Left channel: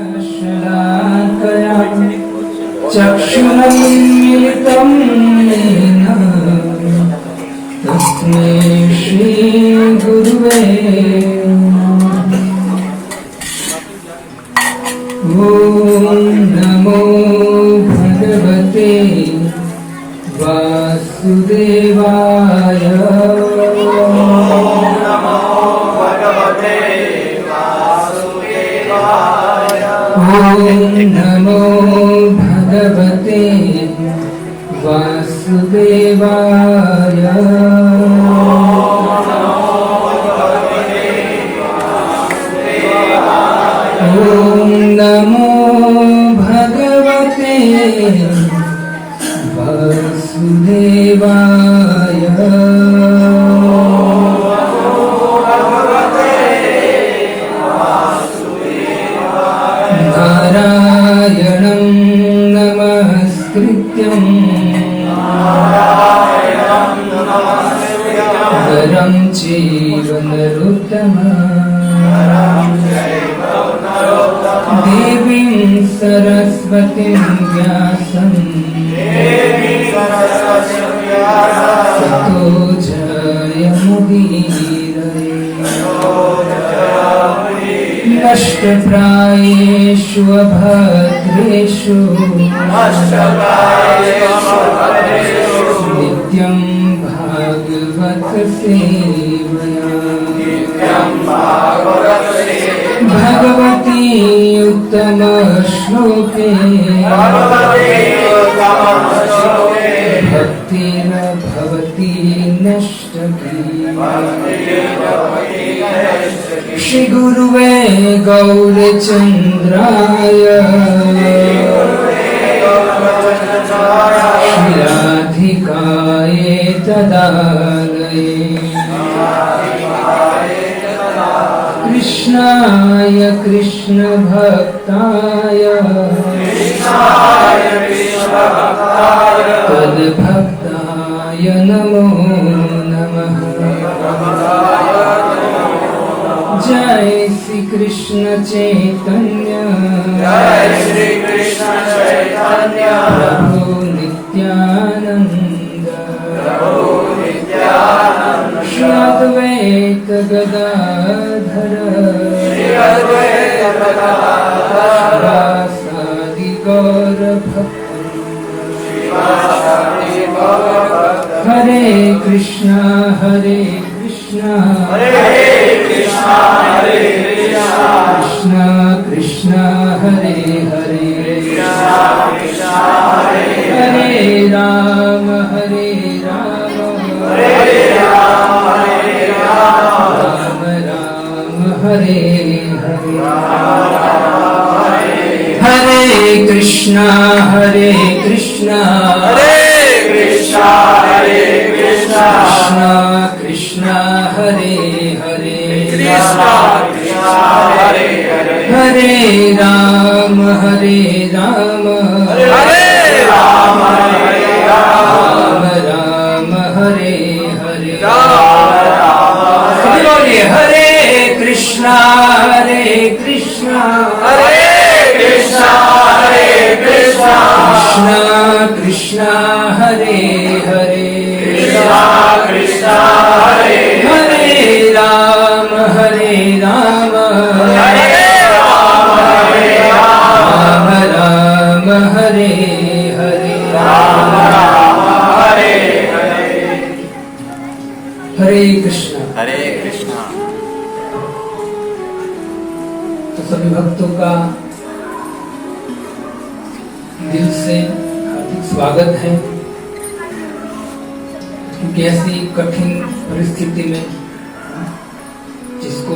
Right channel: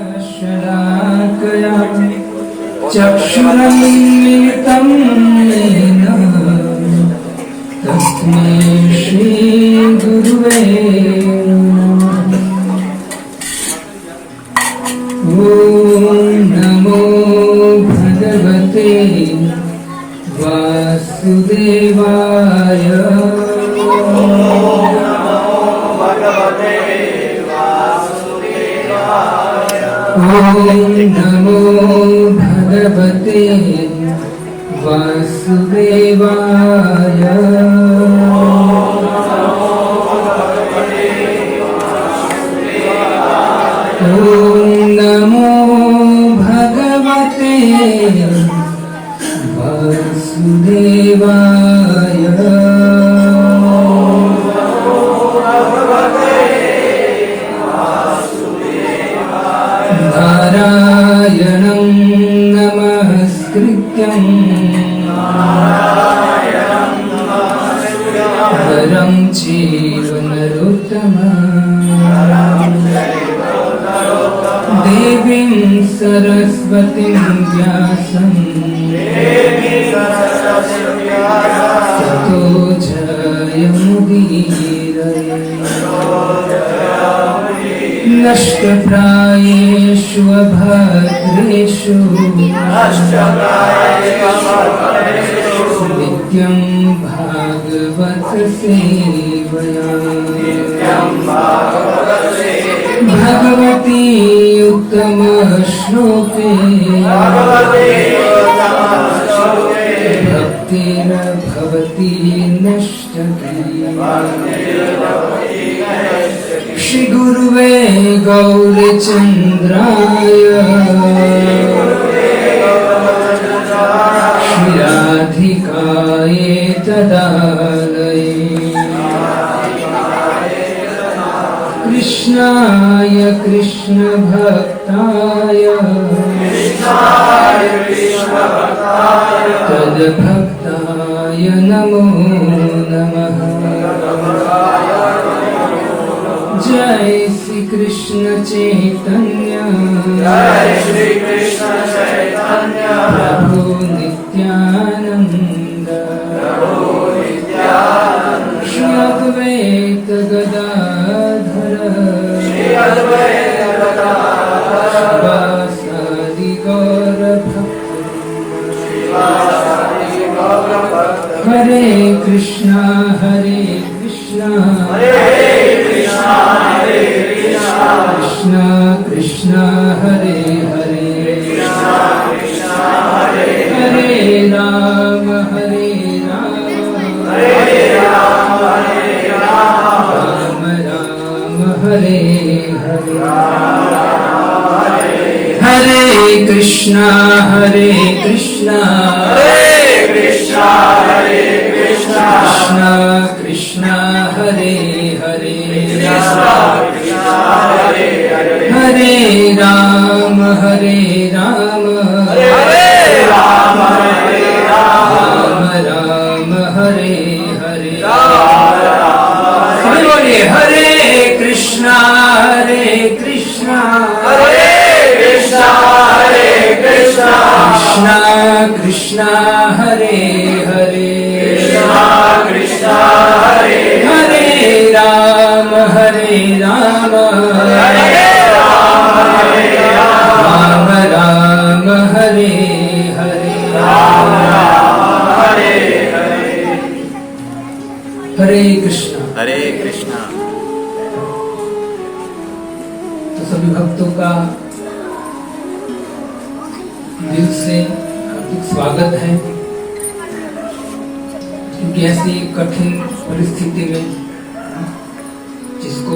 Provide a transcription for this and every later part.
शलाकया चक्षुरुन्मीलितं येन तस्मै श्रीगुरुवे ॐ नमो भगवते वासुदेवाय। ॐ नमो भगवते वासुदेवाय। ॐ नमो भगवते वासुदेवाय। नारायणं नमस्कृत्यं नरं चैव नरोत्तमं देवीं सरस्वतीं व्यासं ततो जयमुदीरये। नष्टप्रायेषु अभद्रेषु नित्यं भागवत सेवया भगवती उत्तम श्लोके भक्तिर् भवति नष्टप्रिया। श्री गुरुवे गौरचंद्राय श्री राधिकाय तदालये कृष्णाय कृष्ण भक्ताय तद्भक्ताय नमो नमः। जय श्री कृष्ण चैतन्य प्रभु नित्यानंद श्री अद्वैत गदाधर श्रीवासादि गौर भक्त। हरे कृष्णा कृष्णा कृष्णा हरे हरे हरे राम राम राम हरे हरे। हरे कृष्णा कृष्णा कृष्णा हरे हरे हरे राम राम राम हरे हरे। सभी बोलिए हरे कृष्णा कृष्णा कृष्णा हरे हरे हरे राम राम राम हरे हरे। हरे कृष्णा। तो सभी भक्तों का दिल से हार्दिक स्वागत है, क्योंकि ऐसी कठिन परिस्थिति में जिसको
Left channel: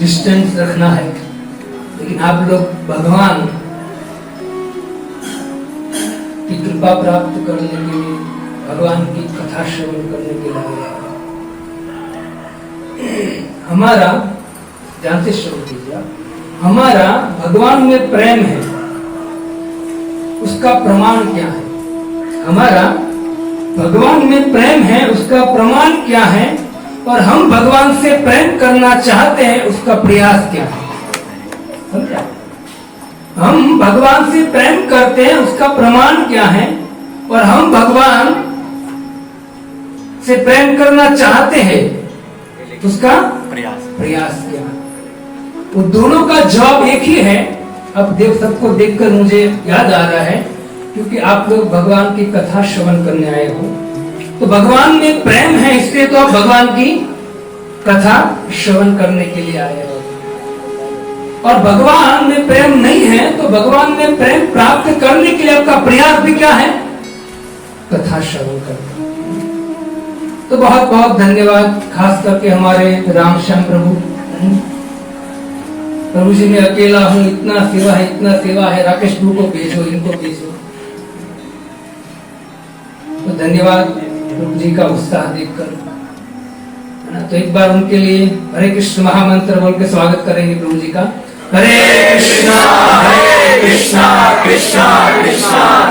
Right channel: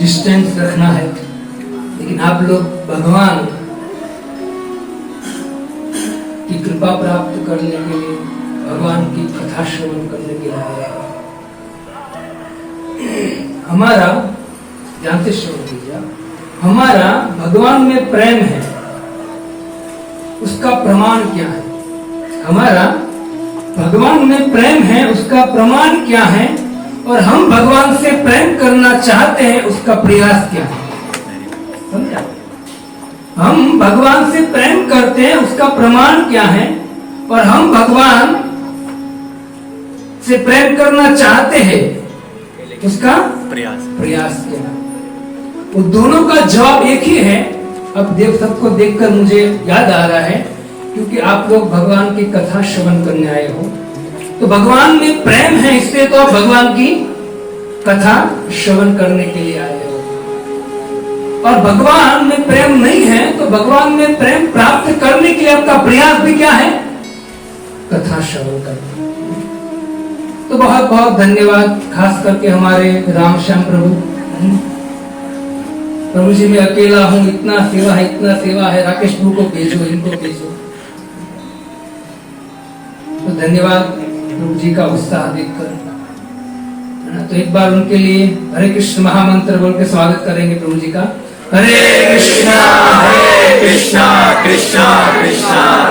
डिस्टेंस रखना है, लेकिन आप लोग भगवान की कृपा प्राप्त करने के लिए, भगवान की कथा श्रवण करने के लिए हमारा, जानते श्रवण कीजिए, हमारा भगवान में प्रेम है, उसका प्रमाण क्या है? हमारा भगवान में प्रेम है, उसका प्रमाण क्या है? और हम भगवान से प्रेम करना चाहते हैं, उसका प्रयास क्या है? समझा? हम भगवान से प्रेम करते हैं उसका प्रमाण क्या है, और हम भगवान से प्रेम करना चाहते हैं उसका प्रयास क्या है। वो दोनों का जवाब एक ही है। अब सबको देखकर मुझे याद आ रहा है, क्योंकि आप लोग भगवान की कथा श्रवण करने आए हो, तो भगवान में प्रेम है इसलिए तो आप भगवान की कथा श्रवण करने के लिए आए हो। और भगवान में प्रेम नहीं है तो भगवान में प्रेम प्राप्त करने के लिए आपका प्रयास भी क्या है, कथा श्रवण करना। तो बहुत बहुत धन्यवाद, खास करके हमारे राम श्याम प्रभु। प्रभु जी मैं अकेला हूं, इतना सेवा है, राकेश प्रभु को भेजो, इनको भेजो। तो धन्यवाद प्रभु जी का उत्साह देखकर। तो एक बार उनके लिए हरे कृष्ण महामंत्र बोल के स्वागत करेंगे प्रभु जी का। हरे कृष्णा कृष्णा कृष्णा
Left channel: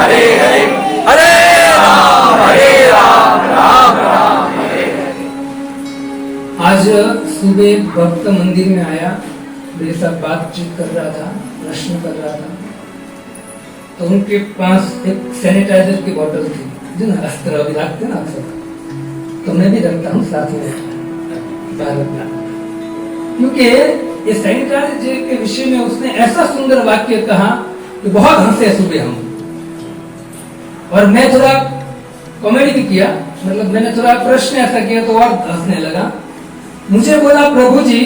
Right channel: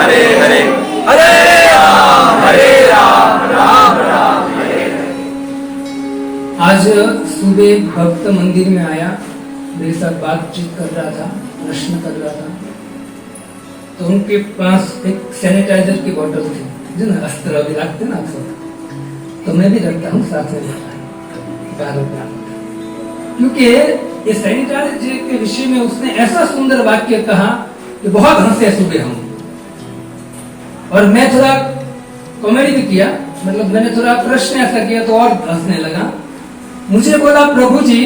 हरे हरे, हरे राम राम राम हरे हरे। आज सुबह भक्त मंदिर में आया, मेरे साथ बातचीत कर रहा था, प्रश्न कर रहा था, तो उनके पास एक सैनिटाइजर की बोतल थी, जो ना अस्त्र अभी रखते ना आप सब, तो मैं भी रखता हूँ साथ में रखना, क्योंकि ये सैनिटाइजर के विषय में उसने ऐसा सुंदर वाक्य कहा कि बहुत हंसे सुबह हम। और मैं थोड़ा कॉमेडी भी किया, मतलब मैंने थोड़ा प्रश्न ऐसा किया तो और हंसने लगा। मुझे बोला प्रभु जी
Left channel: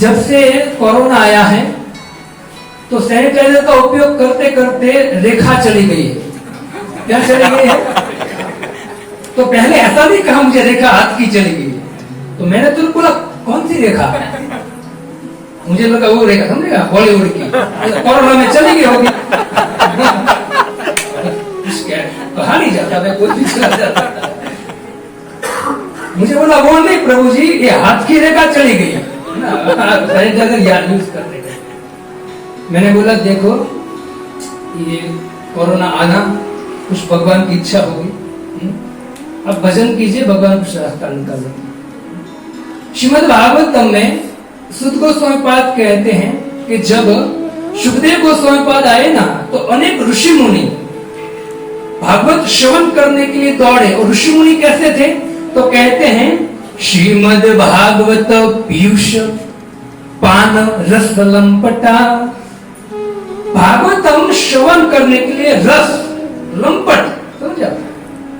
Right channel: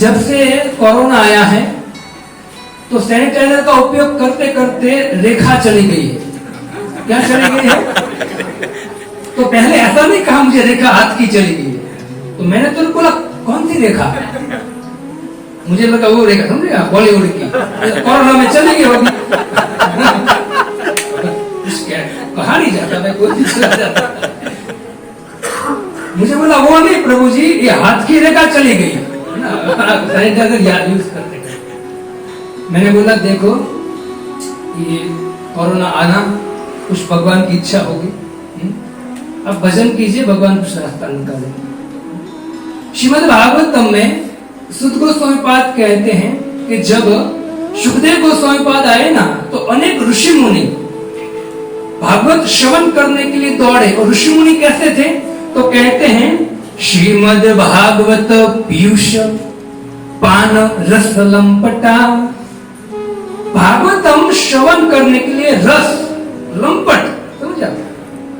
जब से कोरोना आया है तो सैनिटाइजर का उपयोग करते करते रेखा चली गई है। क्या चली गई है? तो पहले ऐसा नहीं कहा मुझे रेखा हाथ की चली गई है, तो मैंने तो बोला कौन सी रेखा? मुझे लगा वो रेखा समझेगा बॉलीवुड की, कोरोना में चली गई होगी। कहा नहीं जाता था, कोई चीज चला जाता। मुझे बोला वो नहीं प्रभु जी, ये हाथ की रेखा चली गई है ना, सैनिटाइजर याद यूज करने का। मैंने बोला देखो ये कोरोना आना कुछ भगवान की इच्छा होगी, अब भजन कीजिए, भगवान कुछ रास्ता निकालेंगे। श्रीमद् भागवतम में सुत गोस्वामी पाद कहते हैं कि जब सुखदेव गोस्वामी पाद आए ना तो अनेक ऋषि मुनि भागवत श्रवण करने के लिए दौड़े। और ऋषि मुनि कैसे थे? तो कहते हैं श्रीमद् भागवत पीयूष पान रस लंपटा। भागवतम श्रवण करने के लिए रस लंपट, समझा?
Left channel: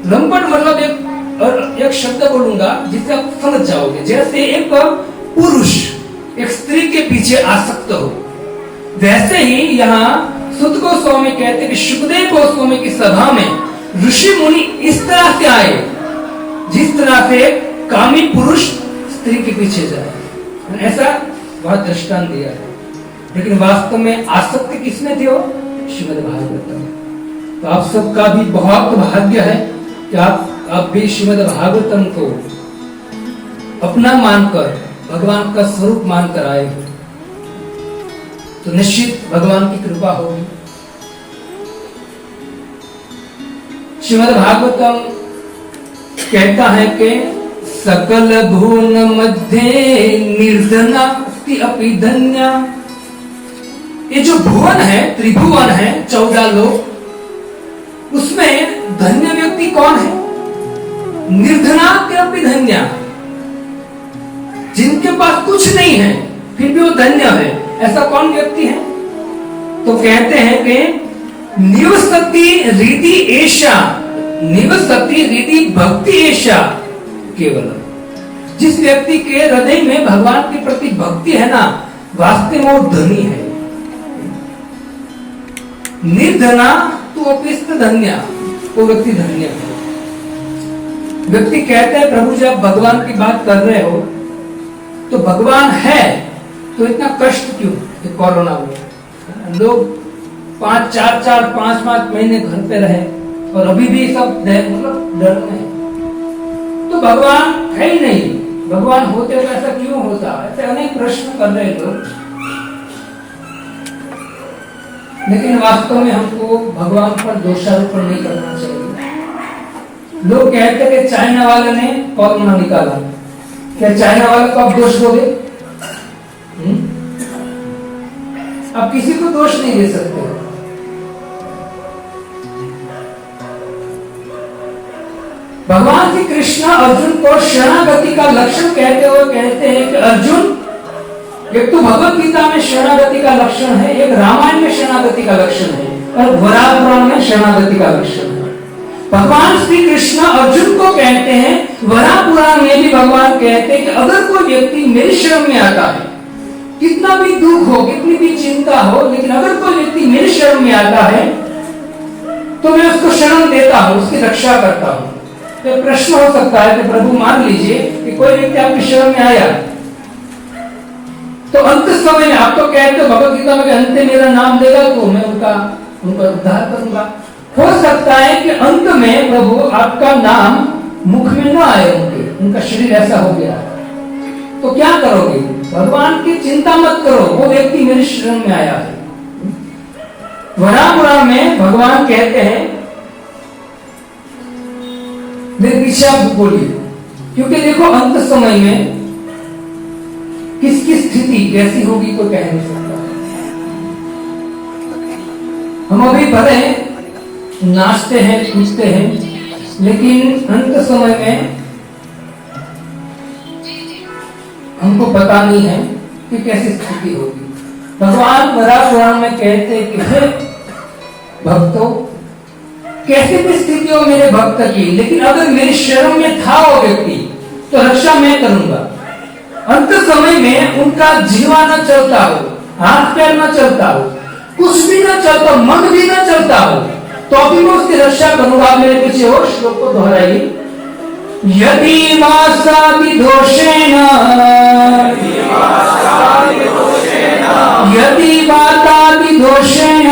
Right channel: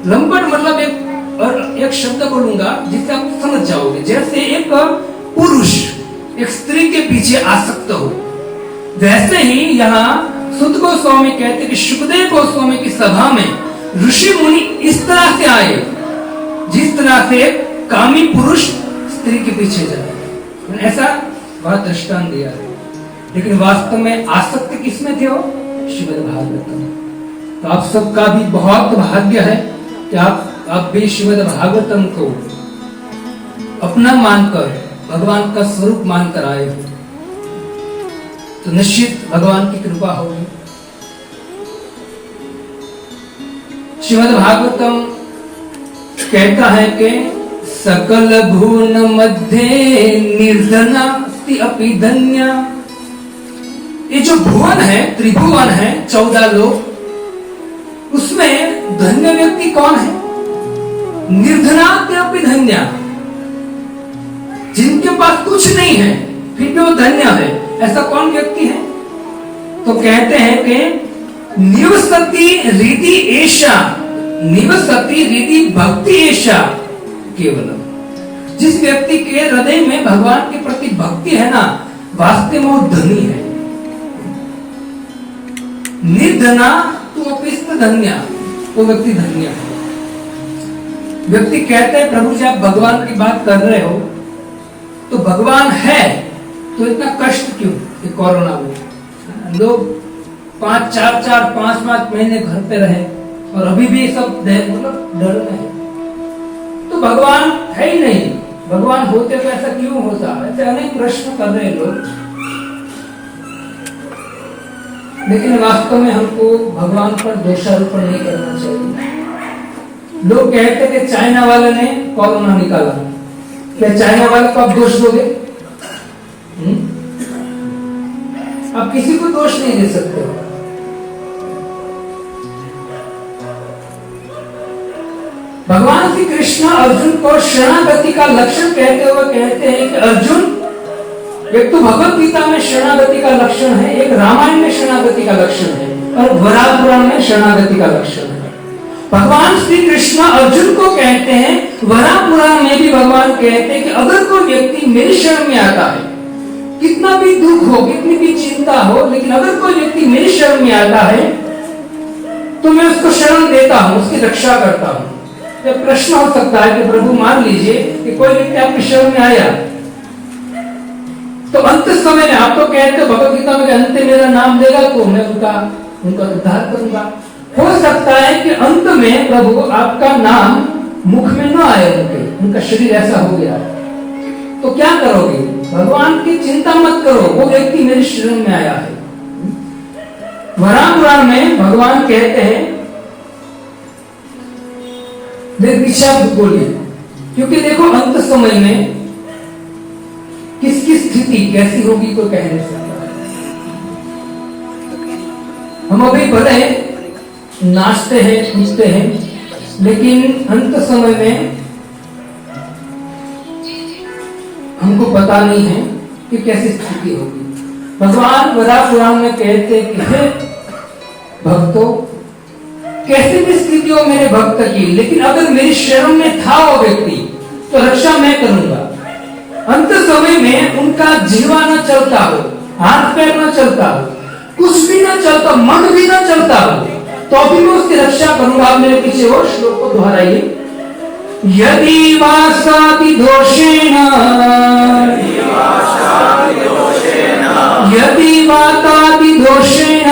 लंपट मतलब एक शब्द बोलूंगा जिससे आप समझ जाओगे। जैसे एक पुरुष एक स्त्री के पीछे आसक्त हो, वैसे ही यहाँ सुत गोस्वामी कहते कि सुखदेव गोस्वामी की सभा में ऋषि मुनि इस तरह से आए जिस तरह से कामी पुरुष स्त्री के पीछे जाए, ऐसा वह दृष्टांत दिया है। लेकिन वास्तव में आसक्ति किसमें थे? वो श्रीमद् भागवतम। तो आप सबका भी बहुत भाग्य है कि आप भी श्रीमद् भागवतम को अपना मानकर, भगवान का स्वरूप मानकर आए हो, तो निश्चित भगवान की कृपा होगी। श्रीमद् भागवतम कहता है कि सकल भुवन मध्य निर्धना अपि धन्या। ये जो भुवन है, त्रिभुवन है, 14 लोग, उसमें धन्य व्यक्ति कौन है? निर्धना अपि धन्या, जिनके पास कुछ नहीं है फिर भी वो धन्य है। ऐसा कौन व्यक्ति है? तो कहते हैं कि निवसति रीति एषा, निवसति रीति भक्ति एषा केवल। जिस व्यक्ति के हृदय में भगवान के प्रति भक्ति है ना, वास्तव में वो धनी है। निर्धना तो अपिस्त धन्य, वो व्यक्ति धन्य है। व्यक्ति कहते हैं प्रभु जी आप भगवान की बात कर रहे हो तो भगवान है तो इतना कष्ट क्यों? कोरोना में लोग 5 महीने घर पे रहे और अभी भी सब मतलब डर में है। तो भगवान है ही नहीं, भगवान होते तो ऐसा क्यों होता? ऐसे अनेक प्रश्न कर रहे लोग। लेकिन वास्तव में हमको भगवान पर दोषारोपण नहीं करना चाहिए। लोग कहते हैं कि चाइना वाले ने कोरोना निकाला, क्या चाइना वाले को आप दोष दोगे? अब आप किसी को दोष नहीं दे सकते हो। भगवान श्री कृष्ण अर्जुन को शरणागति का लक्षण कहते हुए कहते हैं कि अर्जुन, एक तो भगवत गीता में शरणागति का लक्षण है, एक रामायण में शरणागति का लक्षण है, और वराह पुराण में शरणागति का लक्षण है। भगवान श्री कृष्ण अर्जुन को कहते हैं, वराह पुराण में भी भगवान कहते हैं कि अगर कोई व्यक्ति मेरी शरण में आता है, कितना भी दुख हो, कितनी भी चिंता हो, लेकिन अगर कोई व्यक्ति मेरी शरण में आता है तो मैं उसको शरण देता हूं, उसकी रक्षा करता हूं। तो प्रश्न हो सकता है कि प्रभु मान लीजिए कि कोई व्यक्ति आपकी शरण में आया, तो अंत समय में आप तो कहते हो भगवत गीता में अंत मेरा नाम लेगा तो मैं उनका उद्धार करूंगा। हो सकता है कि अंत में प्रभु आपका नाम मुख में न आए, उनका शरीर ऐसा हो गया, तो क्या करोगे? भगवान की चिंता मत करो, वो व्यक्ति मेरे शरण में आया है। वराह पुराण में भगवान कहते हैं बोलिए, क्योंकि देखो अंत समय में किसकी स्थिति कैसी होगी तो कह नहीं सकता। हम अभी भले नाचते हैं, पूछते हैं, लेकिन अंत समय में हमको पता नहीं है कि कैसी स्थिति होगी। भगवान वराह पुराण में कहते हैं कि हे भक्तों, कैसी भी स्थिति हो मेरे भक्त की, लेकिन अगर मेरी शरण में था वो व्यक्ति तो रक्षा मैं करूंगा। अंत समय में उनका जीवा न चलता हो, हाथ पैर न चलता हो, कुछ भी न चलता, मन भी न चलता हो, तो भी मैं उसकी रक्षा करूंगा। आप मेरे पीछे और श्लोक को दोहराइए। यदि वासादि दोषेण, यदि वातादि दोषेण,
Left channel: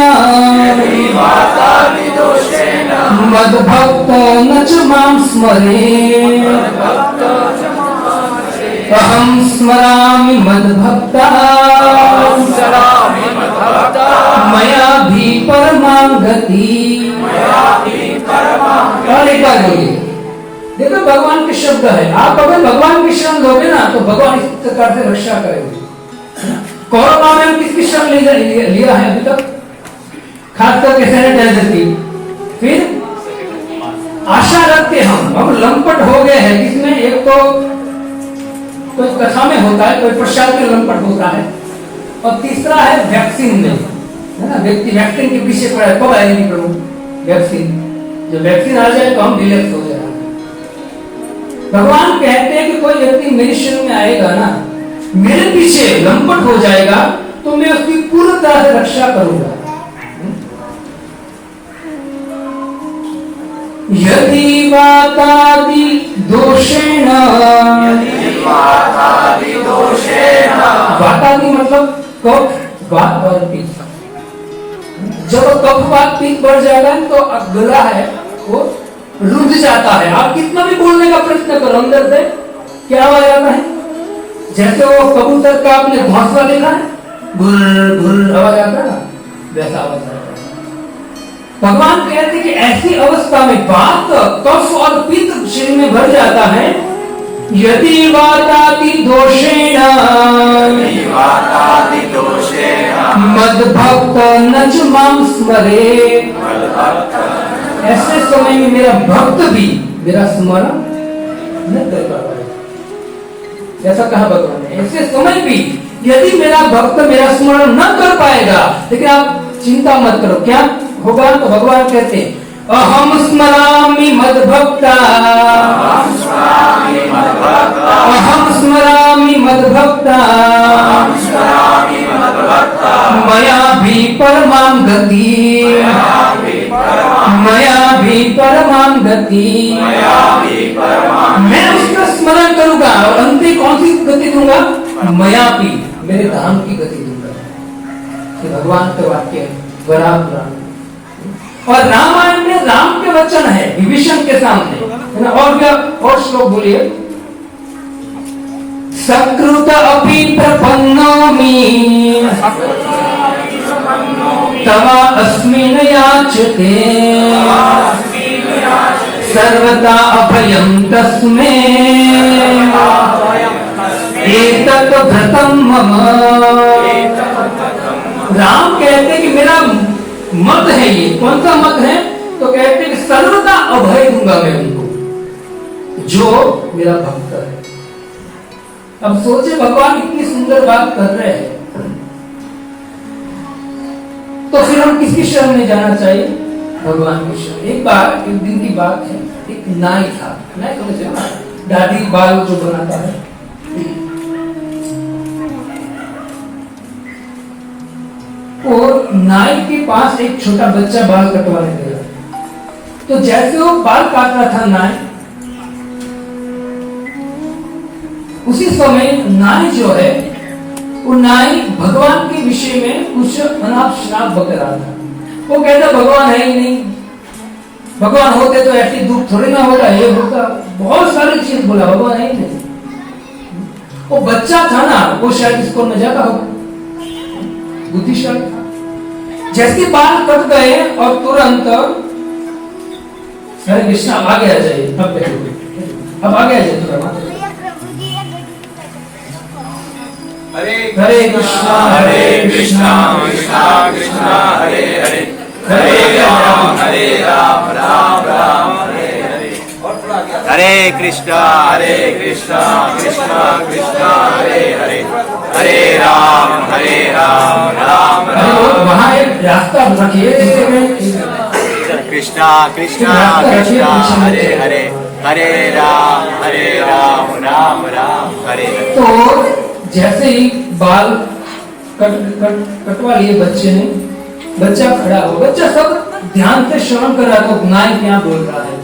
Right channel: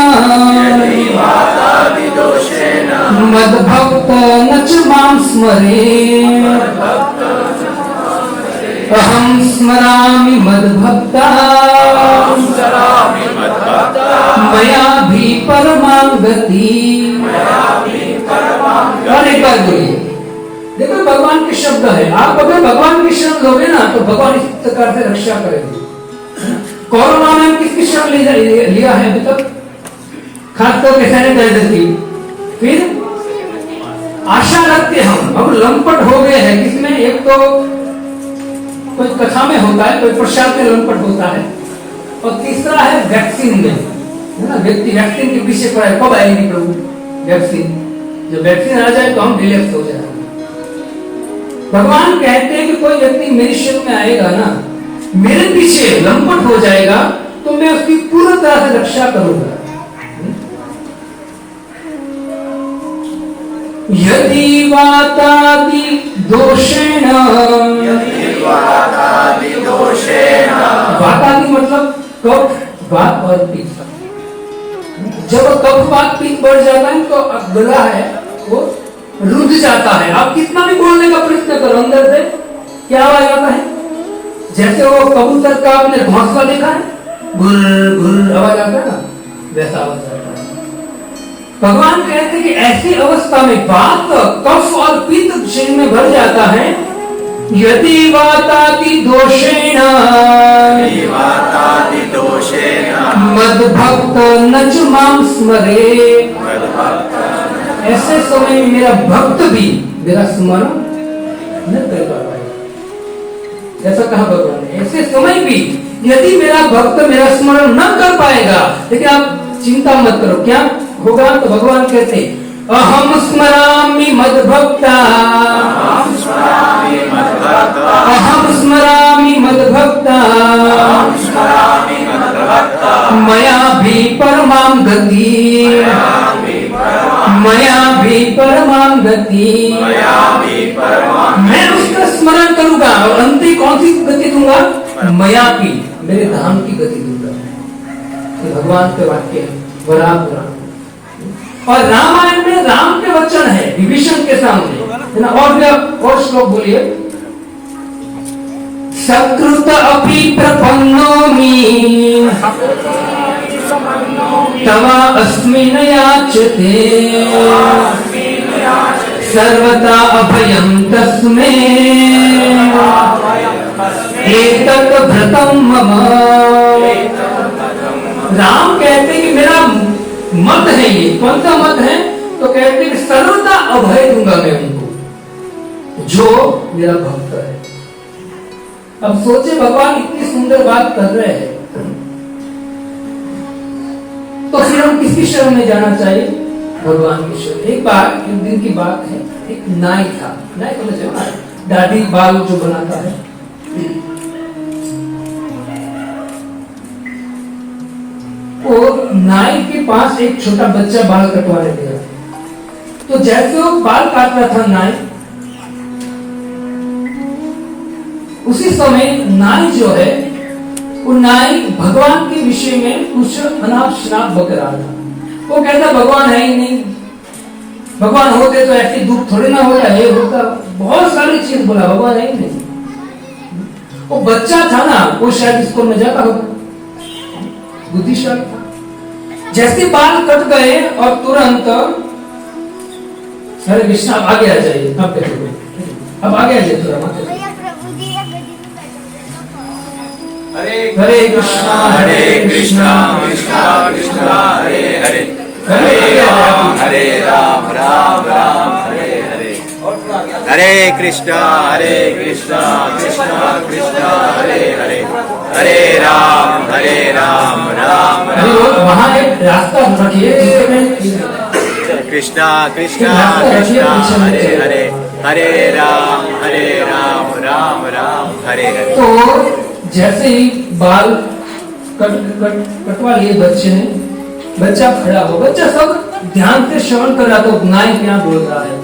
मद्भक्त न च मां स्मरे, अहं स्मरामि मद्भक्ता, मया भी परमां गति। और एक बार बोलिए, देखो भगवान के शब्द है, आप अगर भगवान की शरण लोगे ना तो भगवान इस प्रकार से रक्षा करेंगे। कोरोना में हम किसकी शरण लिया है अभी तक? खास करके सैनिटाइजर की। फिर आशा रखते हम, अब लंपट हो गए हैं किसमें? एक तो कोई कथा में होता है, कोई प्रसाद में लंपट होता है, और तीसरा है वैक्सीन में, है ना? व्यक्ति वैक्सीन के पीछे पड़ा है, कब आएगी प्रभु वैक्सीन? जब वैक्सीन आ जाए तो हम रिलैक्स हो जाए। भगवान कहते हैं कि कोई व्यक्ति मेरी शरण में आएगा ना, मेरे पीछे लंपट हो जाएगा, तो मैं उसकी पूरी तरह से रक्षा करूंगा। यदि वातादि दोषेण, वातादि मतलब कफ वात और पित्त। जब कफ वात पित्त बढ़ जाता है तो गला है वो रुंध जाता है। आप कितना भी बोलने का प्रयत्न करो, अंदर से क्या आवाज आता है? जैसे वो कबूतर का आपने घोंसला देखा है, गुर गुर आवाज आता है ना, वैसा आवाज आता है। भगवान कहते हैं कि ऐसी अवस्था में वात, कफ और पित्त शरीर में भर जाता है। यदि वातादि दोषेण, मद्भक्त न च मां स्मरे, ऐसे समय में मेरा भक्त भी मेरा स्मरण न कर पाएगा। ऐसा कहा भगवान ने, ऐसे समय भी यदि मेरा भक्त मेरा स्मरण न कर पाएगा, लेकिन आप चिंता मत करो, क्या होगा? तो भगवान कहते हैं अहम स्मरामि मद्भक्ता, अहम स्मरामि मद्भक्ता, मया भी परमां गति, मया भी परमां गति। मैं उसका स्मरण करूंगा और अंतिम कौन सी गति दूंगा? मया भी, मेरे धाम की गति दूंगा। तो भगवान के वाक्य वराह पुराण और रामायण में राम के वचन है विभीषण के सामने, है ना? और भी और श्लोक बोलिए। सकृत अपि प्रपन्नोमि तवा अस्मिन् याचते, सर्वदा अभयं तस्मै एतत् भृतं मम। राम कहते कि मेरा मत है ये, कौन सा मत है? तो कहते कि सर्वदा अभय दूंगा मैं उनको जो मेरा भक्त है। अब सोचे भगवान इतनी सुंदर बात कर रहे हैं, तो फिर हम किसकी शरण में जाना चाहिए? भगवान की शरण। एक बार एक दिन की बात है, एक नाई था, नाई समझे ना, दाढ़ी बाल जो बनाता है। और नाई के पास एक छोटा बच्चा बाल कटवाने गया। तो जैसे वो बाल काट रहा था नाई, उसी समय नाई जो है वो नाई भगवान के विषय में कुछ अनाप शनाप बक रहा था। वो कहता भगवान है ही नहीं, भगवान होते तो ऐसी दुख थोड़ी ना होता, ये होता, बहुत सारी चीज बोला, भगवान है ही नहीं। वो बच्चा था ना, वो शायद स्कूल में जाता होगा, बुद्धिशाली था। जैसे बाल कट गए और तुरंत हरे कृष्णा आगे आ जाइए, अब आगे आ जाइए तुरंत। हरे कृष्णा कृष्णा कृष्णा हरे हरे, हरे राम राम राम हरे हरे। हरे कृष्णा कृष्णा कृष्णा हरे हरे, हरे राम राम राम। वहाँ एक रास्ता रखिए, कृष्णा कृष्णा कृष्णा हरे हरे, हरे राम राम राम हरे। तो जैसे ही बाल कटवा लिए बच्चे ने, बच्चा खड़ा हो, बच्चा सब ध्यान से श्रवण कर रहा था नाई क्या बोल रहा है।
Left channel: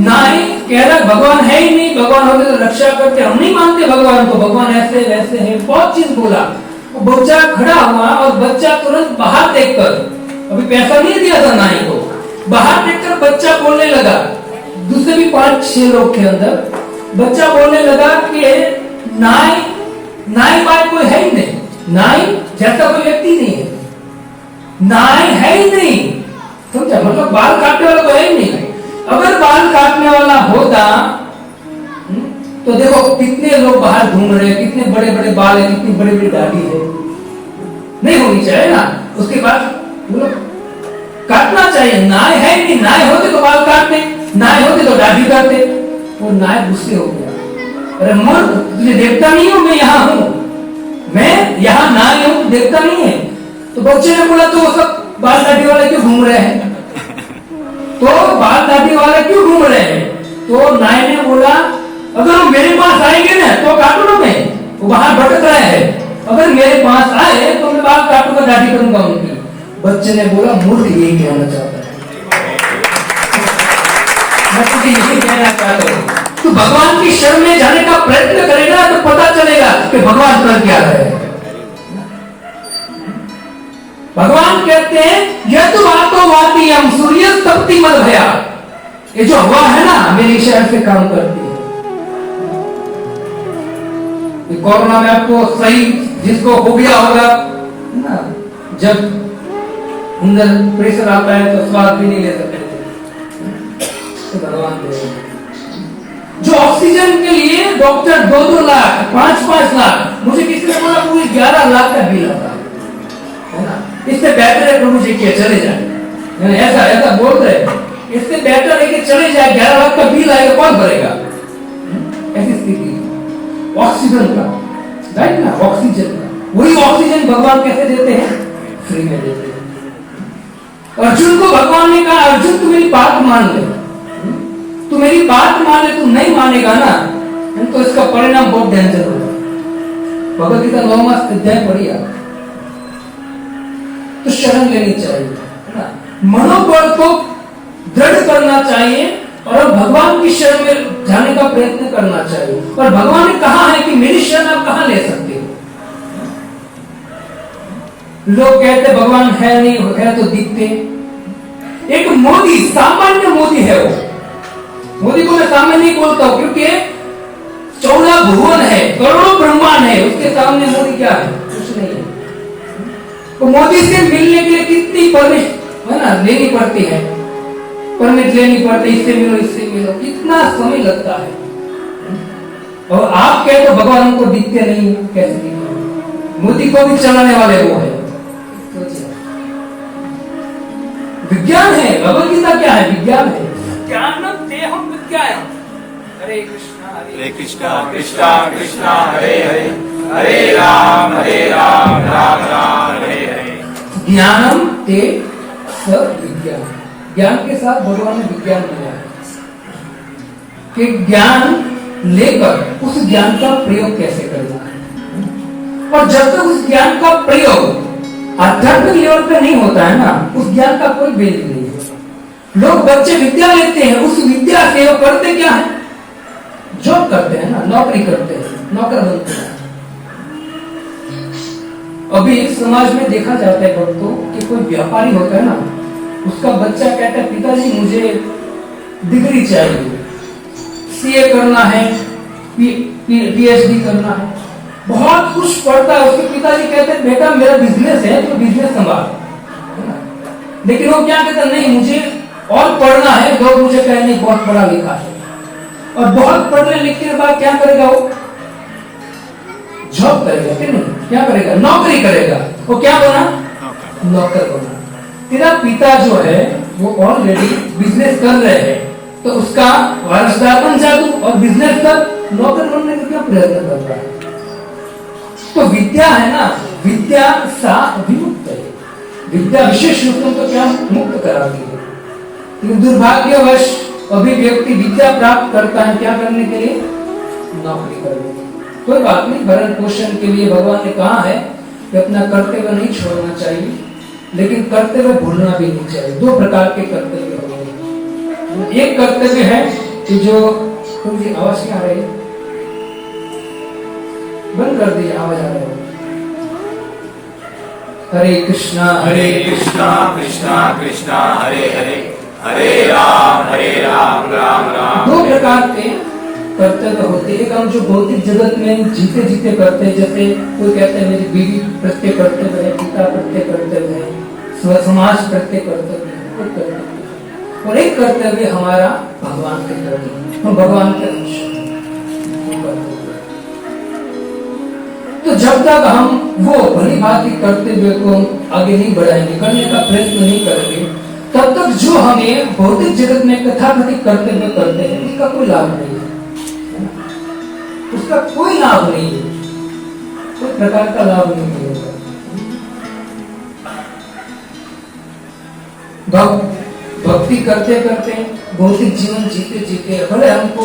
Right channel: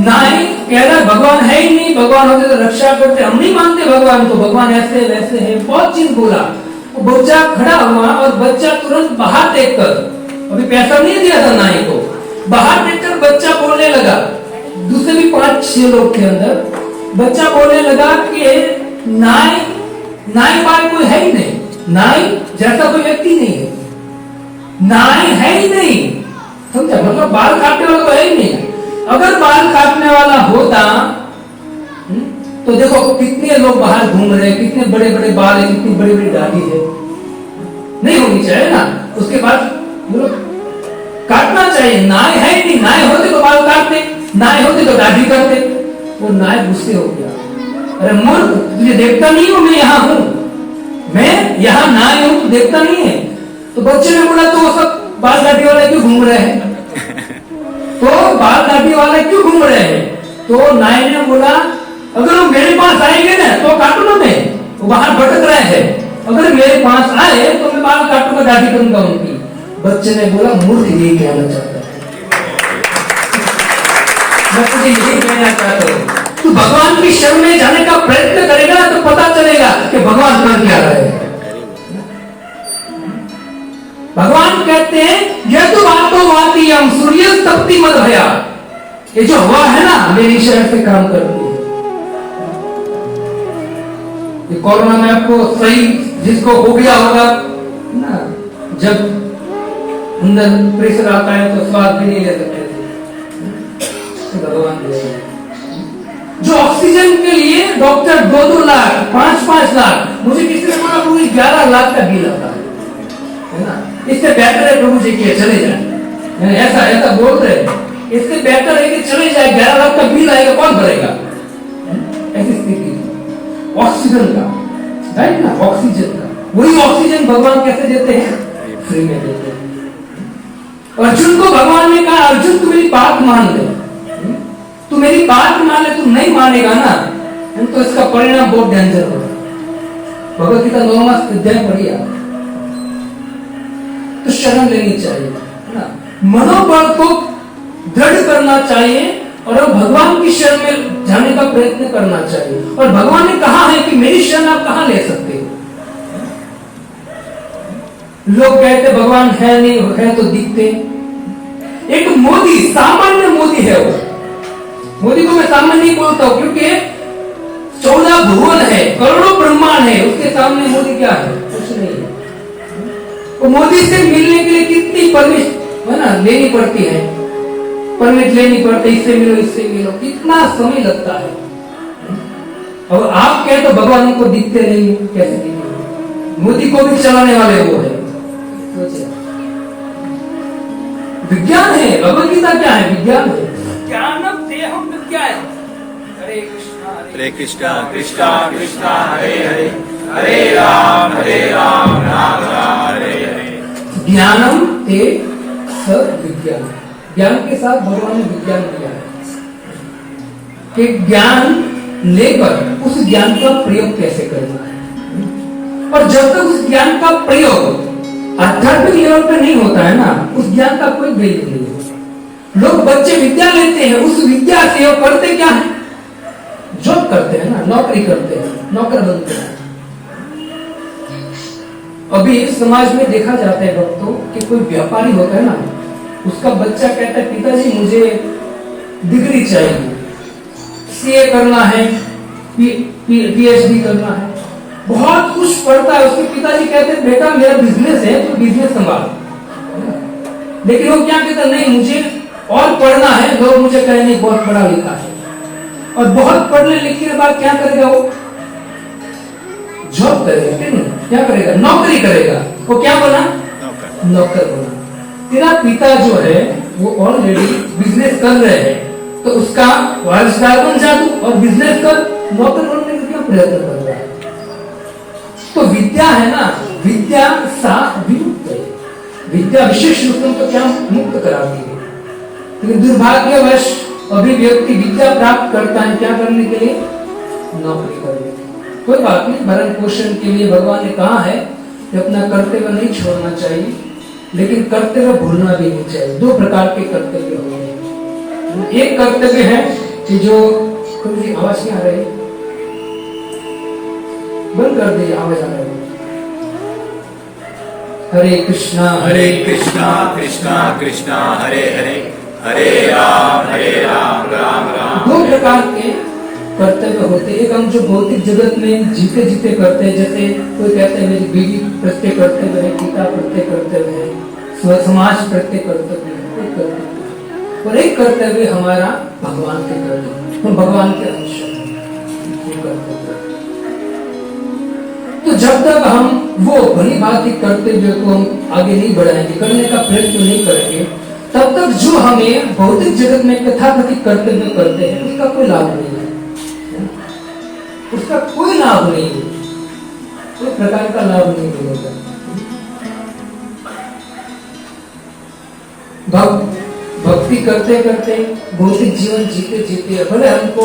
नाई कह रहा भगवान है ही नहीं, भगवान होते तो रक्षा करते, हम नहीं मानते भगवान को, भगवान ऐसे वैसे है, बहुत चीज बोला। बच्चा खड़ा हुआ और बच्चा तुरंत बाहर देखकर, अभी पैसा नहीं दिया था नाई को, बाहर देखकर बच्चा बोलने लगा, दूसरे भी 5-6 लोग के अंदर, बच्चा बोलने लगा कि नाई बात कोई है ही नहीं, नाई जैसा कोई व्यक्ति नहीं है, नाई है ही नहीं, समझा? मतलब बाल काटने वाला तो है ही नहीं। अगर बाल काटने वाला होता तो देखो कितने लोग बाहर घूम रहे हैं, कितने बड़े बड़े बाल है, कितनी बड़ी बड़ी दाढ़ी है, नहीं होनी चाहिए ना। उसके बाद काटना चाहिए, नाई है ही नहीं, नाई होते तो बाल काटते, नाई होते तो दाढ़ी करते। वो नाई गुस्से हो गया, अरे मूर्ख, तुझे देखता नहीं हूं मैं यहाँ हूं, मैं यहाँ नाई हूं, देखता नहीं है। तो बच्चे ने बोला तो सब बाल दाढ़ी वाले क्यों घूम रहे हैं, तो बाल दाढ़ी वाले क्यों घूम रहे हैं? तो नाई ने बोला अगर वो मेरे पास आएंगे ना तो काटूंगा मैं, वो बाहर भटक रहे हैं, अगर मेरे पास आए तो मैं बाल काटूंगा, दाढ़ी करूंगा उनकी। बच्चे ने बोला मूर्ख यही कहना चाहता है, मैं तुझे यही कहना चाहता हूँ, तू भगवान की शरण में जाने का प्रयत्न करेगा तो पता चलेगा कि भगवान कर क्या रहे हैं। भगवान कहते हैं यह तो बातों बाती हम सूर्य तपती मत भया, ये जो हवा है ना मेरी शहर से काम करती है। कोरोना में आपको सही जिसको हो गया होगा ना, जब अंदर प्रेशर आता है तो स्वाद भी नहीं ले सकते थे, तो भगवान जो ऑक्सीजन के लिए डॉक्टर 2-2 लाख 5-5 लाख, मुझे किसी ने बोला पूरी 11 लाख का बिल आता है ना, इससे बेहतर है प्रभु जी के चले जाए, ऐसा बोल रहे हैं, इससे बेहतर है कि चले जाए, 11 लाख का बिल आएगा कौन भरेगा? ऐसी स्थिति ऑक्सीजन का, राइट ना, ऑक्सीजन का, वही ऑक्सीजन भगवान कैसे देते हैं? फ्री में देते हैं। अर्जुन को भगवान ने कहा अर्जुन तू मेरी बात मान ले, तू मेरी बात मान ले, तू नहीं मानेगा ना तो इसका परिणाम बहुत डेंजर होगा। भगवत गीता 9वां अध्याय पढ़िए, तो शरण लेनी चाहिए, है ना, मनोबल को दृढ़ करना चाहिए और अब भगवान की शरण में जाने का प्रयत्न करना चाहिए। और भगवान ने कहा है कि मेरी शरण आप कहां ले सकते हो? लोग कहते भगवान है नहीं, है तो दिखते। एक मोदी, सामान्य मोदी है वो, मोदी को मैं सामान्य नहीं बोलता हूं क्योंकि 14 भुवन है, करोड़ों ब्रह्मांड है, उसके सामने मोदी क्या है? कुछ नहीं है। तो मोदी से मिलने के लिए कितनी परमिट है ना लेनी पड़ती है, परमिट लेनी पड़ती, इससे मिलो, कितना समय लगता है। और आप कहते तो भगवान हमको दिखते नहीं, कैसे दिखते? मोदी को भी चलाने वाले वो है। विज्ञान है, भगवद गीता क्या है? विज्ञान है। ज्ञानम तेहम विज्ञानम। हरे कृष्णा हरे कृष्णा कृष्णा कृष्णा हरे हरे, हरे राम राम राम हरे हरे। ज्ञानम ते स विज्ञान। ज्ञान के साथ भगवान ने विज्ञान दिया है कि ज्ञान लेकर उस ज्ञान का प्रयोग कैसे करना है। और जब तक उस ज्ञान का प्रयोग आध्यात्मिक लेवल पे नहीं होता है ना, उस ज्ञान का कोई वैल्यू नहीं है। लोग बच्चे विद्या लेते हैं, उस विद्या से वो करते क्या है? जॉब करते हैं ना, नौकरी करते हैं, नौकर बनते हैं। अभी समाज में देखा जाता है भक्तों कि कोई व्यापारी होता है ना, उसका बच्चा कहता है पिताजी मुझे डिग्री चाहिए, सीए करना है, पीएचडी करना है, बहुत कुछ पढ़ता है। उसके पिताजी कहते हैं बेटा मेरा बिजनेस है तो बिजनेस संभाल। लेकिन वो क्या कहता नहीं मुझे और पढ़ना है, लोग मुझे कहे नहीं बहुत पढ़ा लिखा है। और बहुत पढ़ने लिखने के बाद क्या करेगा वो? जॉब करेगा, क्या करेगा? नौकरी करेगा। वो क्या बना? नौकर बना। तेरा पिता जो है वो ऑलरेडी बिजनेस कर रहे हैं, तो उसका वारसदार बन जा तू और बिजनेस कर, नौकर बनने का क्या प्रयत्न कर रहा है? तो विद्या है ना, विद्या सा विमुक्त है। विद्या विशेष रूपों को क्या मुक्त कराती है। लेकिन दुर्भाग्यवश अभी व्यक्ति विद्या प्राप्त करता है क्या करने के लिए? नौकरी करने। कोई बात नहीं, भरण पोषण के लिए भगवान ने कहा है कि अपना कर्तव्य नहीं छोड़ना चाहिए, लेकिन कर्तव्य भूलना भी नहीं चाहिए। दो प्रकार के कर्तव्य होते हैं। एक कर्तव्य है कि जो थोड़ी आवाज नहीं आ रही है, बंद कर दीजिए, आवाज आ रही है। हरे कृष्णा कृष्णा कृष्णा हरे हरे, हरे राम राम राम। दो प्रकार के कर्तव्य होते। एक हम जो भौतिक जगत में जीते जीते करते हैं, जैसे कोई कहते हैं मेरी बीवी प्रत्येक कर्तव्य है, पिता प्रत्येक कर्तव्य है, समाज प्रत्येक कर्तव्य है। और एक कर्तव्य हमारा भगवान के प्रति, हम भगवान के अंश हैं। तो जब तक हम वो भली भांति कर्तव्य को हम आगे नहीं बढ़ाएंगे, करने का प्रयत्न नहीं करेंगे, तब तक जो हमें भौतिक जगत में कथाकथित कर्तव्य करते हैं उसका कोई लाभ नहीं है। उसका कोई लाभ नहीं है, कोई प्रकार का लाभ नहीं मिलेगा। भक्ति करते करते भौतिक जीवन जीते जीते भले हमको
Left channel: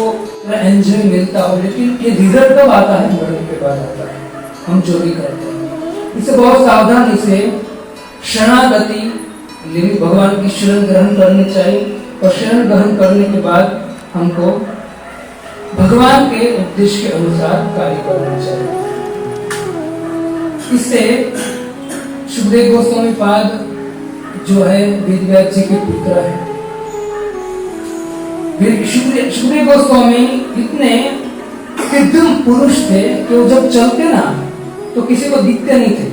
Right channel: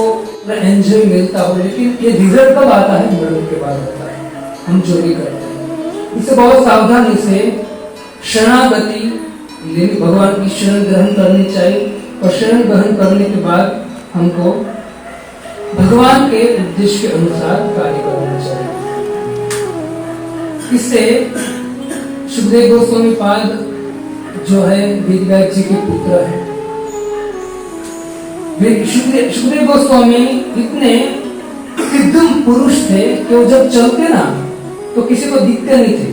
एंजॉय मिलता हो, लेकिन ये रिजल्ट कब आता है? मरण के बाद आता है। हम जो भी करते हैं इसे बहुत सावधानी से शरणागति भगवान की शरण ग्रहण करनी चाहिए। और शरण ग्रहण करने के बाद हमको भगवान के उद्देश्य के अनुसार कार्य करना चाहिए। इससे सुखदेव गोस्वामी पाद जो है वेदव्यास जी के पुत्र है। सुखदेव गोस्वामी इतने सिद्धम पुरुष थे कि वो जब चलते ना तो किसी को दिखते नहीं थे।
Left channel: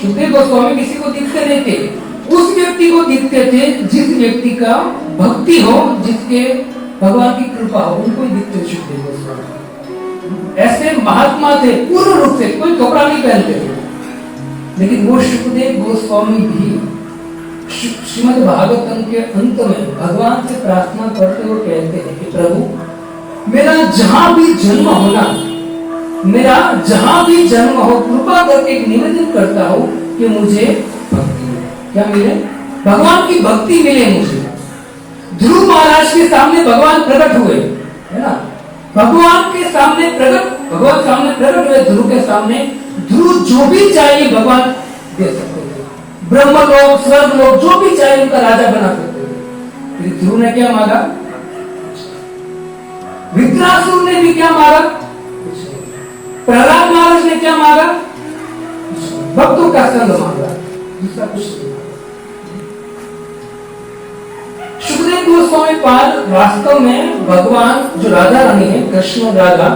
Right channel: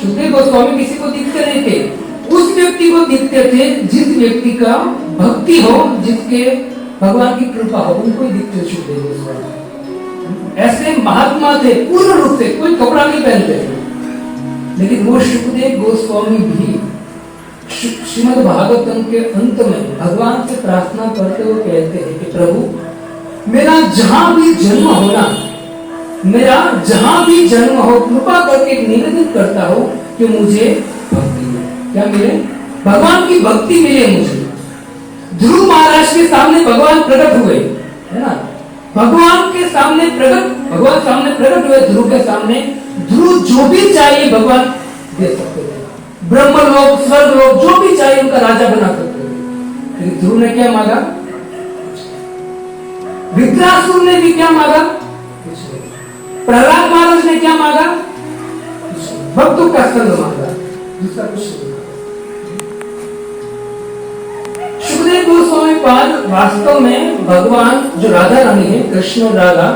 सुखदेव गोस्वामी किसी को दिखते नहीं थे, उस व्यक्ति को दिखते थे जिस व्यक्ति का भक्ति हो, जिसके भगवान की कृपा हो, उनको दिखते सुखदेव गोस्वामी। ऐसे महात्मा थे पूर्ण रूप से, कोई कपड़ा नहीं पहनते थे। लेकिन वो सुखदेव गोस्वामी भी श्रीमद् भागवतम के अंत में भगवान से प्रार्थना करते हुए कहते हैं कि प्रभु मेरा जहां भी जन्म होना, मेरा जहां भी जन्म हो, कृपा करके निवेदन करता हूं कि मुझे भक्ति मिले। क्या मिले? भगवान की भक्ति मिले मुझे। ध्रुव महाराज के सामने भगवान प्रकट हुए, है ना? भगवान सामने प्रकट हुए ध्रुव के सामने। ध्रुव जो भी चाहिए भगवान दे सकते थे। ब्रह्म लोक, स्वर्ग लोक, जो भी चाहिए उनका राजा बना सकते थे। ध्रुव ने क्या मांगा? विद्रासुर ने भी क्या मांगा? प्रहलाद महाराज ने क्या मांगा? भक्तों का संग मांगा, दूसरा कुछ नहीं। सुखदेव गोस्वामी पाद वास्तव में भगवान जो राधा रानी है, कृष्ण और राधा,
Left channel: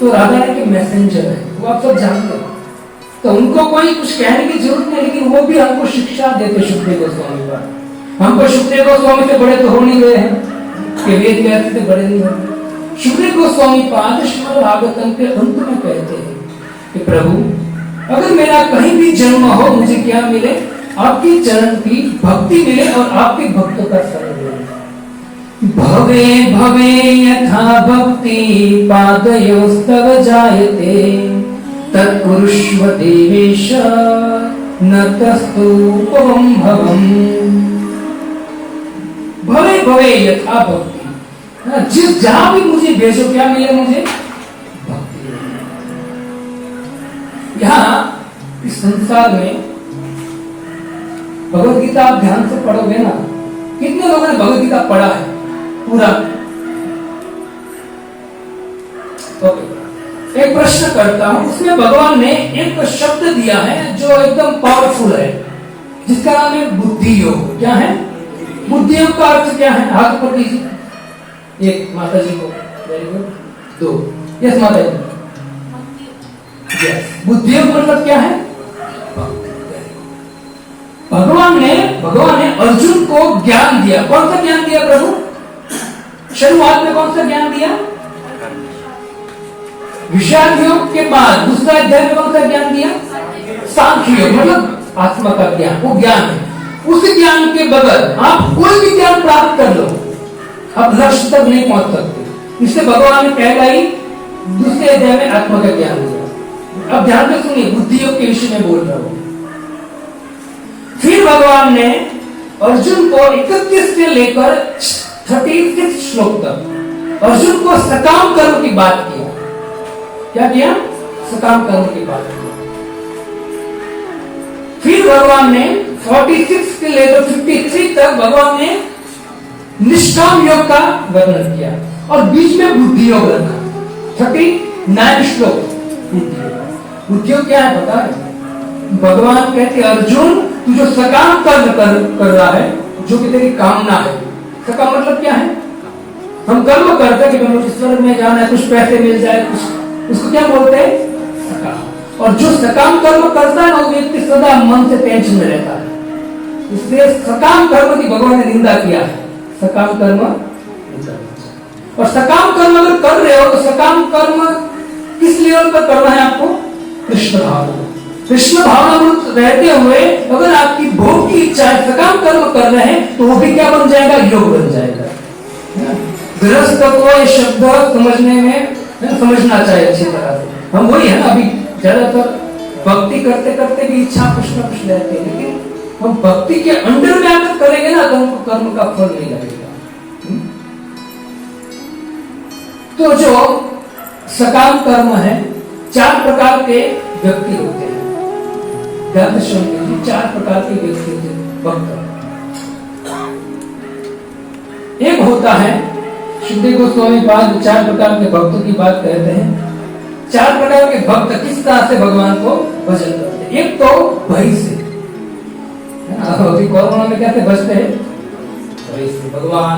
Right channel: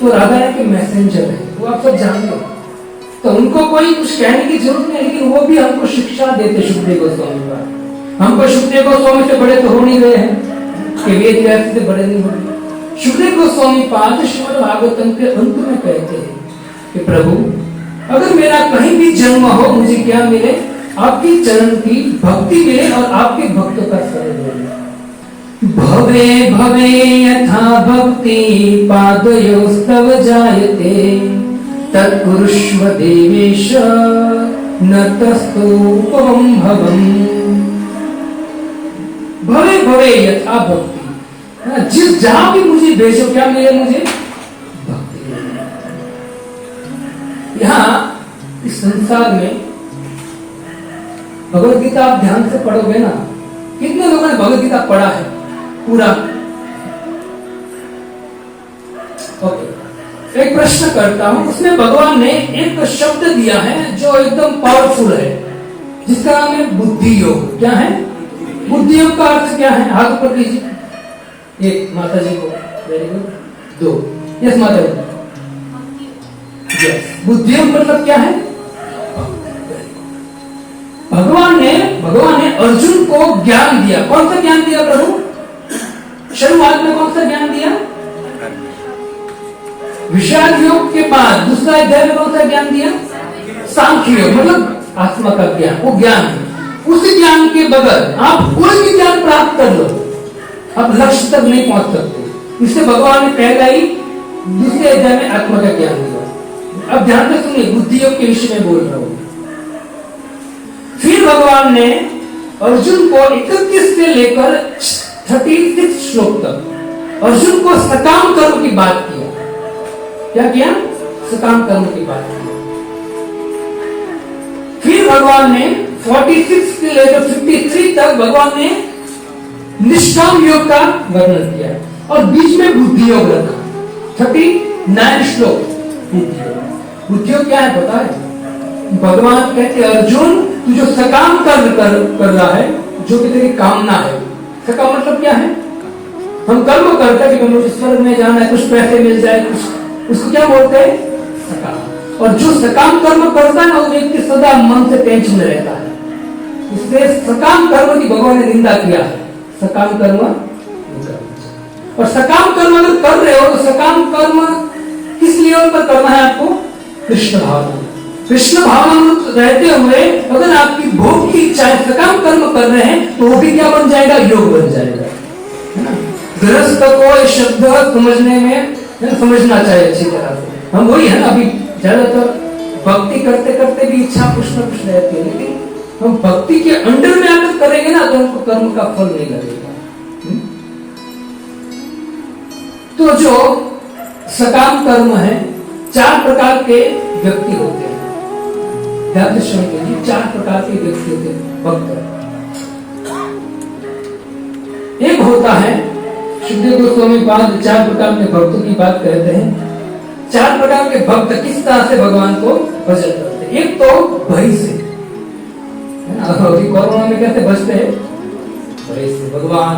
तो राधा रानी के मैसेंजर है, वो आप सब जानते हो। तो उनको कोई कुछ कहने की जरूरत नहीं, लेकिन वो भी हमको शिक्षा देते सुखदेव गोस्वामी का। हमको सुखदेव गोस्वामी से बड़े तो हो नहीं गए हैं कि वेद व्यास से बड़े नहीं होंगे। सुखदेव गोस्वामी पाद श्रीमद् भागवतम के अंत में कहते हैं कि प्रभु अगर मेरा कहीं भी जन्म हो, मुझे क्या मिले? आपकी चरण की भक्ति मिले और आपके भक्तों का शरण मिले। भवे भवे यथा भक्ति पादयोस्तव जायते तत्कुरुष्व देवेश न तस्तुपम भवम। भवे भवे यथा भक्ति, जिस जहां भी मुझे भेजो, क्या मिले मुझे? भक्ति। यहां इस संसार में भगवत गीता आप ध्यान से पढ़ोगे ना, कितने लोगों ने भगवत गीता पढ़ा है पूरा? ओके, एक प्रश्न करता हूं, उसमें भगवान ने एक शब्द दिया है जो एकदम पावरफुल है, जिसका नाम है बुद्धि योग। क्या है बुद्धि योग? का अर्थ क्या है? हाथ ऊपर कीजिए। एक माता जी को, वेरी गुड। दो, यस माता जी, यस। बुद्धि योग मतलब क्या है? भगवान ने अर्जुन को ज्ञान दिया। कौन सा ज्ञान दिया प्रभु? शुरुआत में कौन सा ज्ञान दिया? विषाद योग के बाद दूसरा अध्याय में कौन सा ज्ञान दिया? सांख्य योग, मतलब आत्मा का ज्ञान। वो ज्ञान है, उस ज्ञान के बगैर आप कोई भी ज्ञान प्राप्त कर लो, आप लक्ष्य तक नहीं पहुंच सकते। इससे भगवान ने पहला ही दूसरे अध्याय में आत्मा का ज्ञान दिया। अब ध्यान से सुनिए, बुद्धि योग के विषय में बोल रहा हूं। फिर भगवान ने अर्जुन को 31 से लेकर 36 श्लोक तक अर्जुन को सकाम कर्म की बात किया। क्या किया? सकाम कर्म की बात किया। फिर भगवान ने 46 से लेकर 53 तक भगवान ने निष्काम योग का वर्णन किया और बीच में बुद्धि योग रखा। 39 श्लोक बुद्धि योग क्या है पता है? भगवान कहते अर्जुन, तू जो सकाम कर्म कर रहा है, जो कि तेरी कामना है। सकाम मतलब क्या है? हम कर्म करते हैं कि मुझे स्वर्ग में जाना है, कुछ पैसे मिल जाए, कुछ, उसको क्या बोलते हैं? सकाम। और जो सकाम कर्म करता है ना, वो व्यक्ति सदा मन से टेंशन में रहता है। इसलिए सकाम कर्म की भगवान ने निंदा किया है। सकाम कर्म, और सकाम कर्म अगर कर रहे हो तो सकाम कर्म किस लेवल पर करना है आपको? कृष्ण भावना। कृष्ण भावना रहते हुए अगर आपकी भोग की इच्छा है, सकाम कर्म कर रहे हैं, तो वो भी क्या बन जाएगा? योग बन जाएगा। गृहस्थ को ये शब्द समझने में समझना चाहिए अच्छी तरह से। हम वही है ना, अभी ज्यादातर भक्ति करते करते भी इच्छा कुछ न कुछ रहती है, लेकिन हम भक्ति के अंडर में आकर करेंगे ना, तो हमको कर्म का फल नहीं लगेगा। तो जो सकाम कर्म है, 4 प्रकार के व्यक्ति होते हैं। ध्यान से सुनिए, 4 प्रकार के व्यक्ति होते हैं भक्त। एक होता है शुद्धि गोस्वामी पाद 4 प्रकार के भक्तों की बात कहते हैं। 4 प्रकार के भक्त किस तरह से भगवान को भजन करते हैं। एक तो भय से, अभी कोरोना में कैसे बचते हैं? भय से, भगवान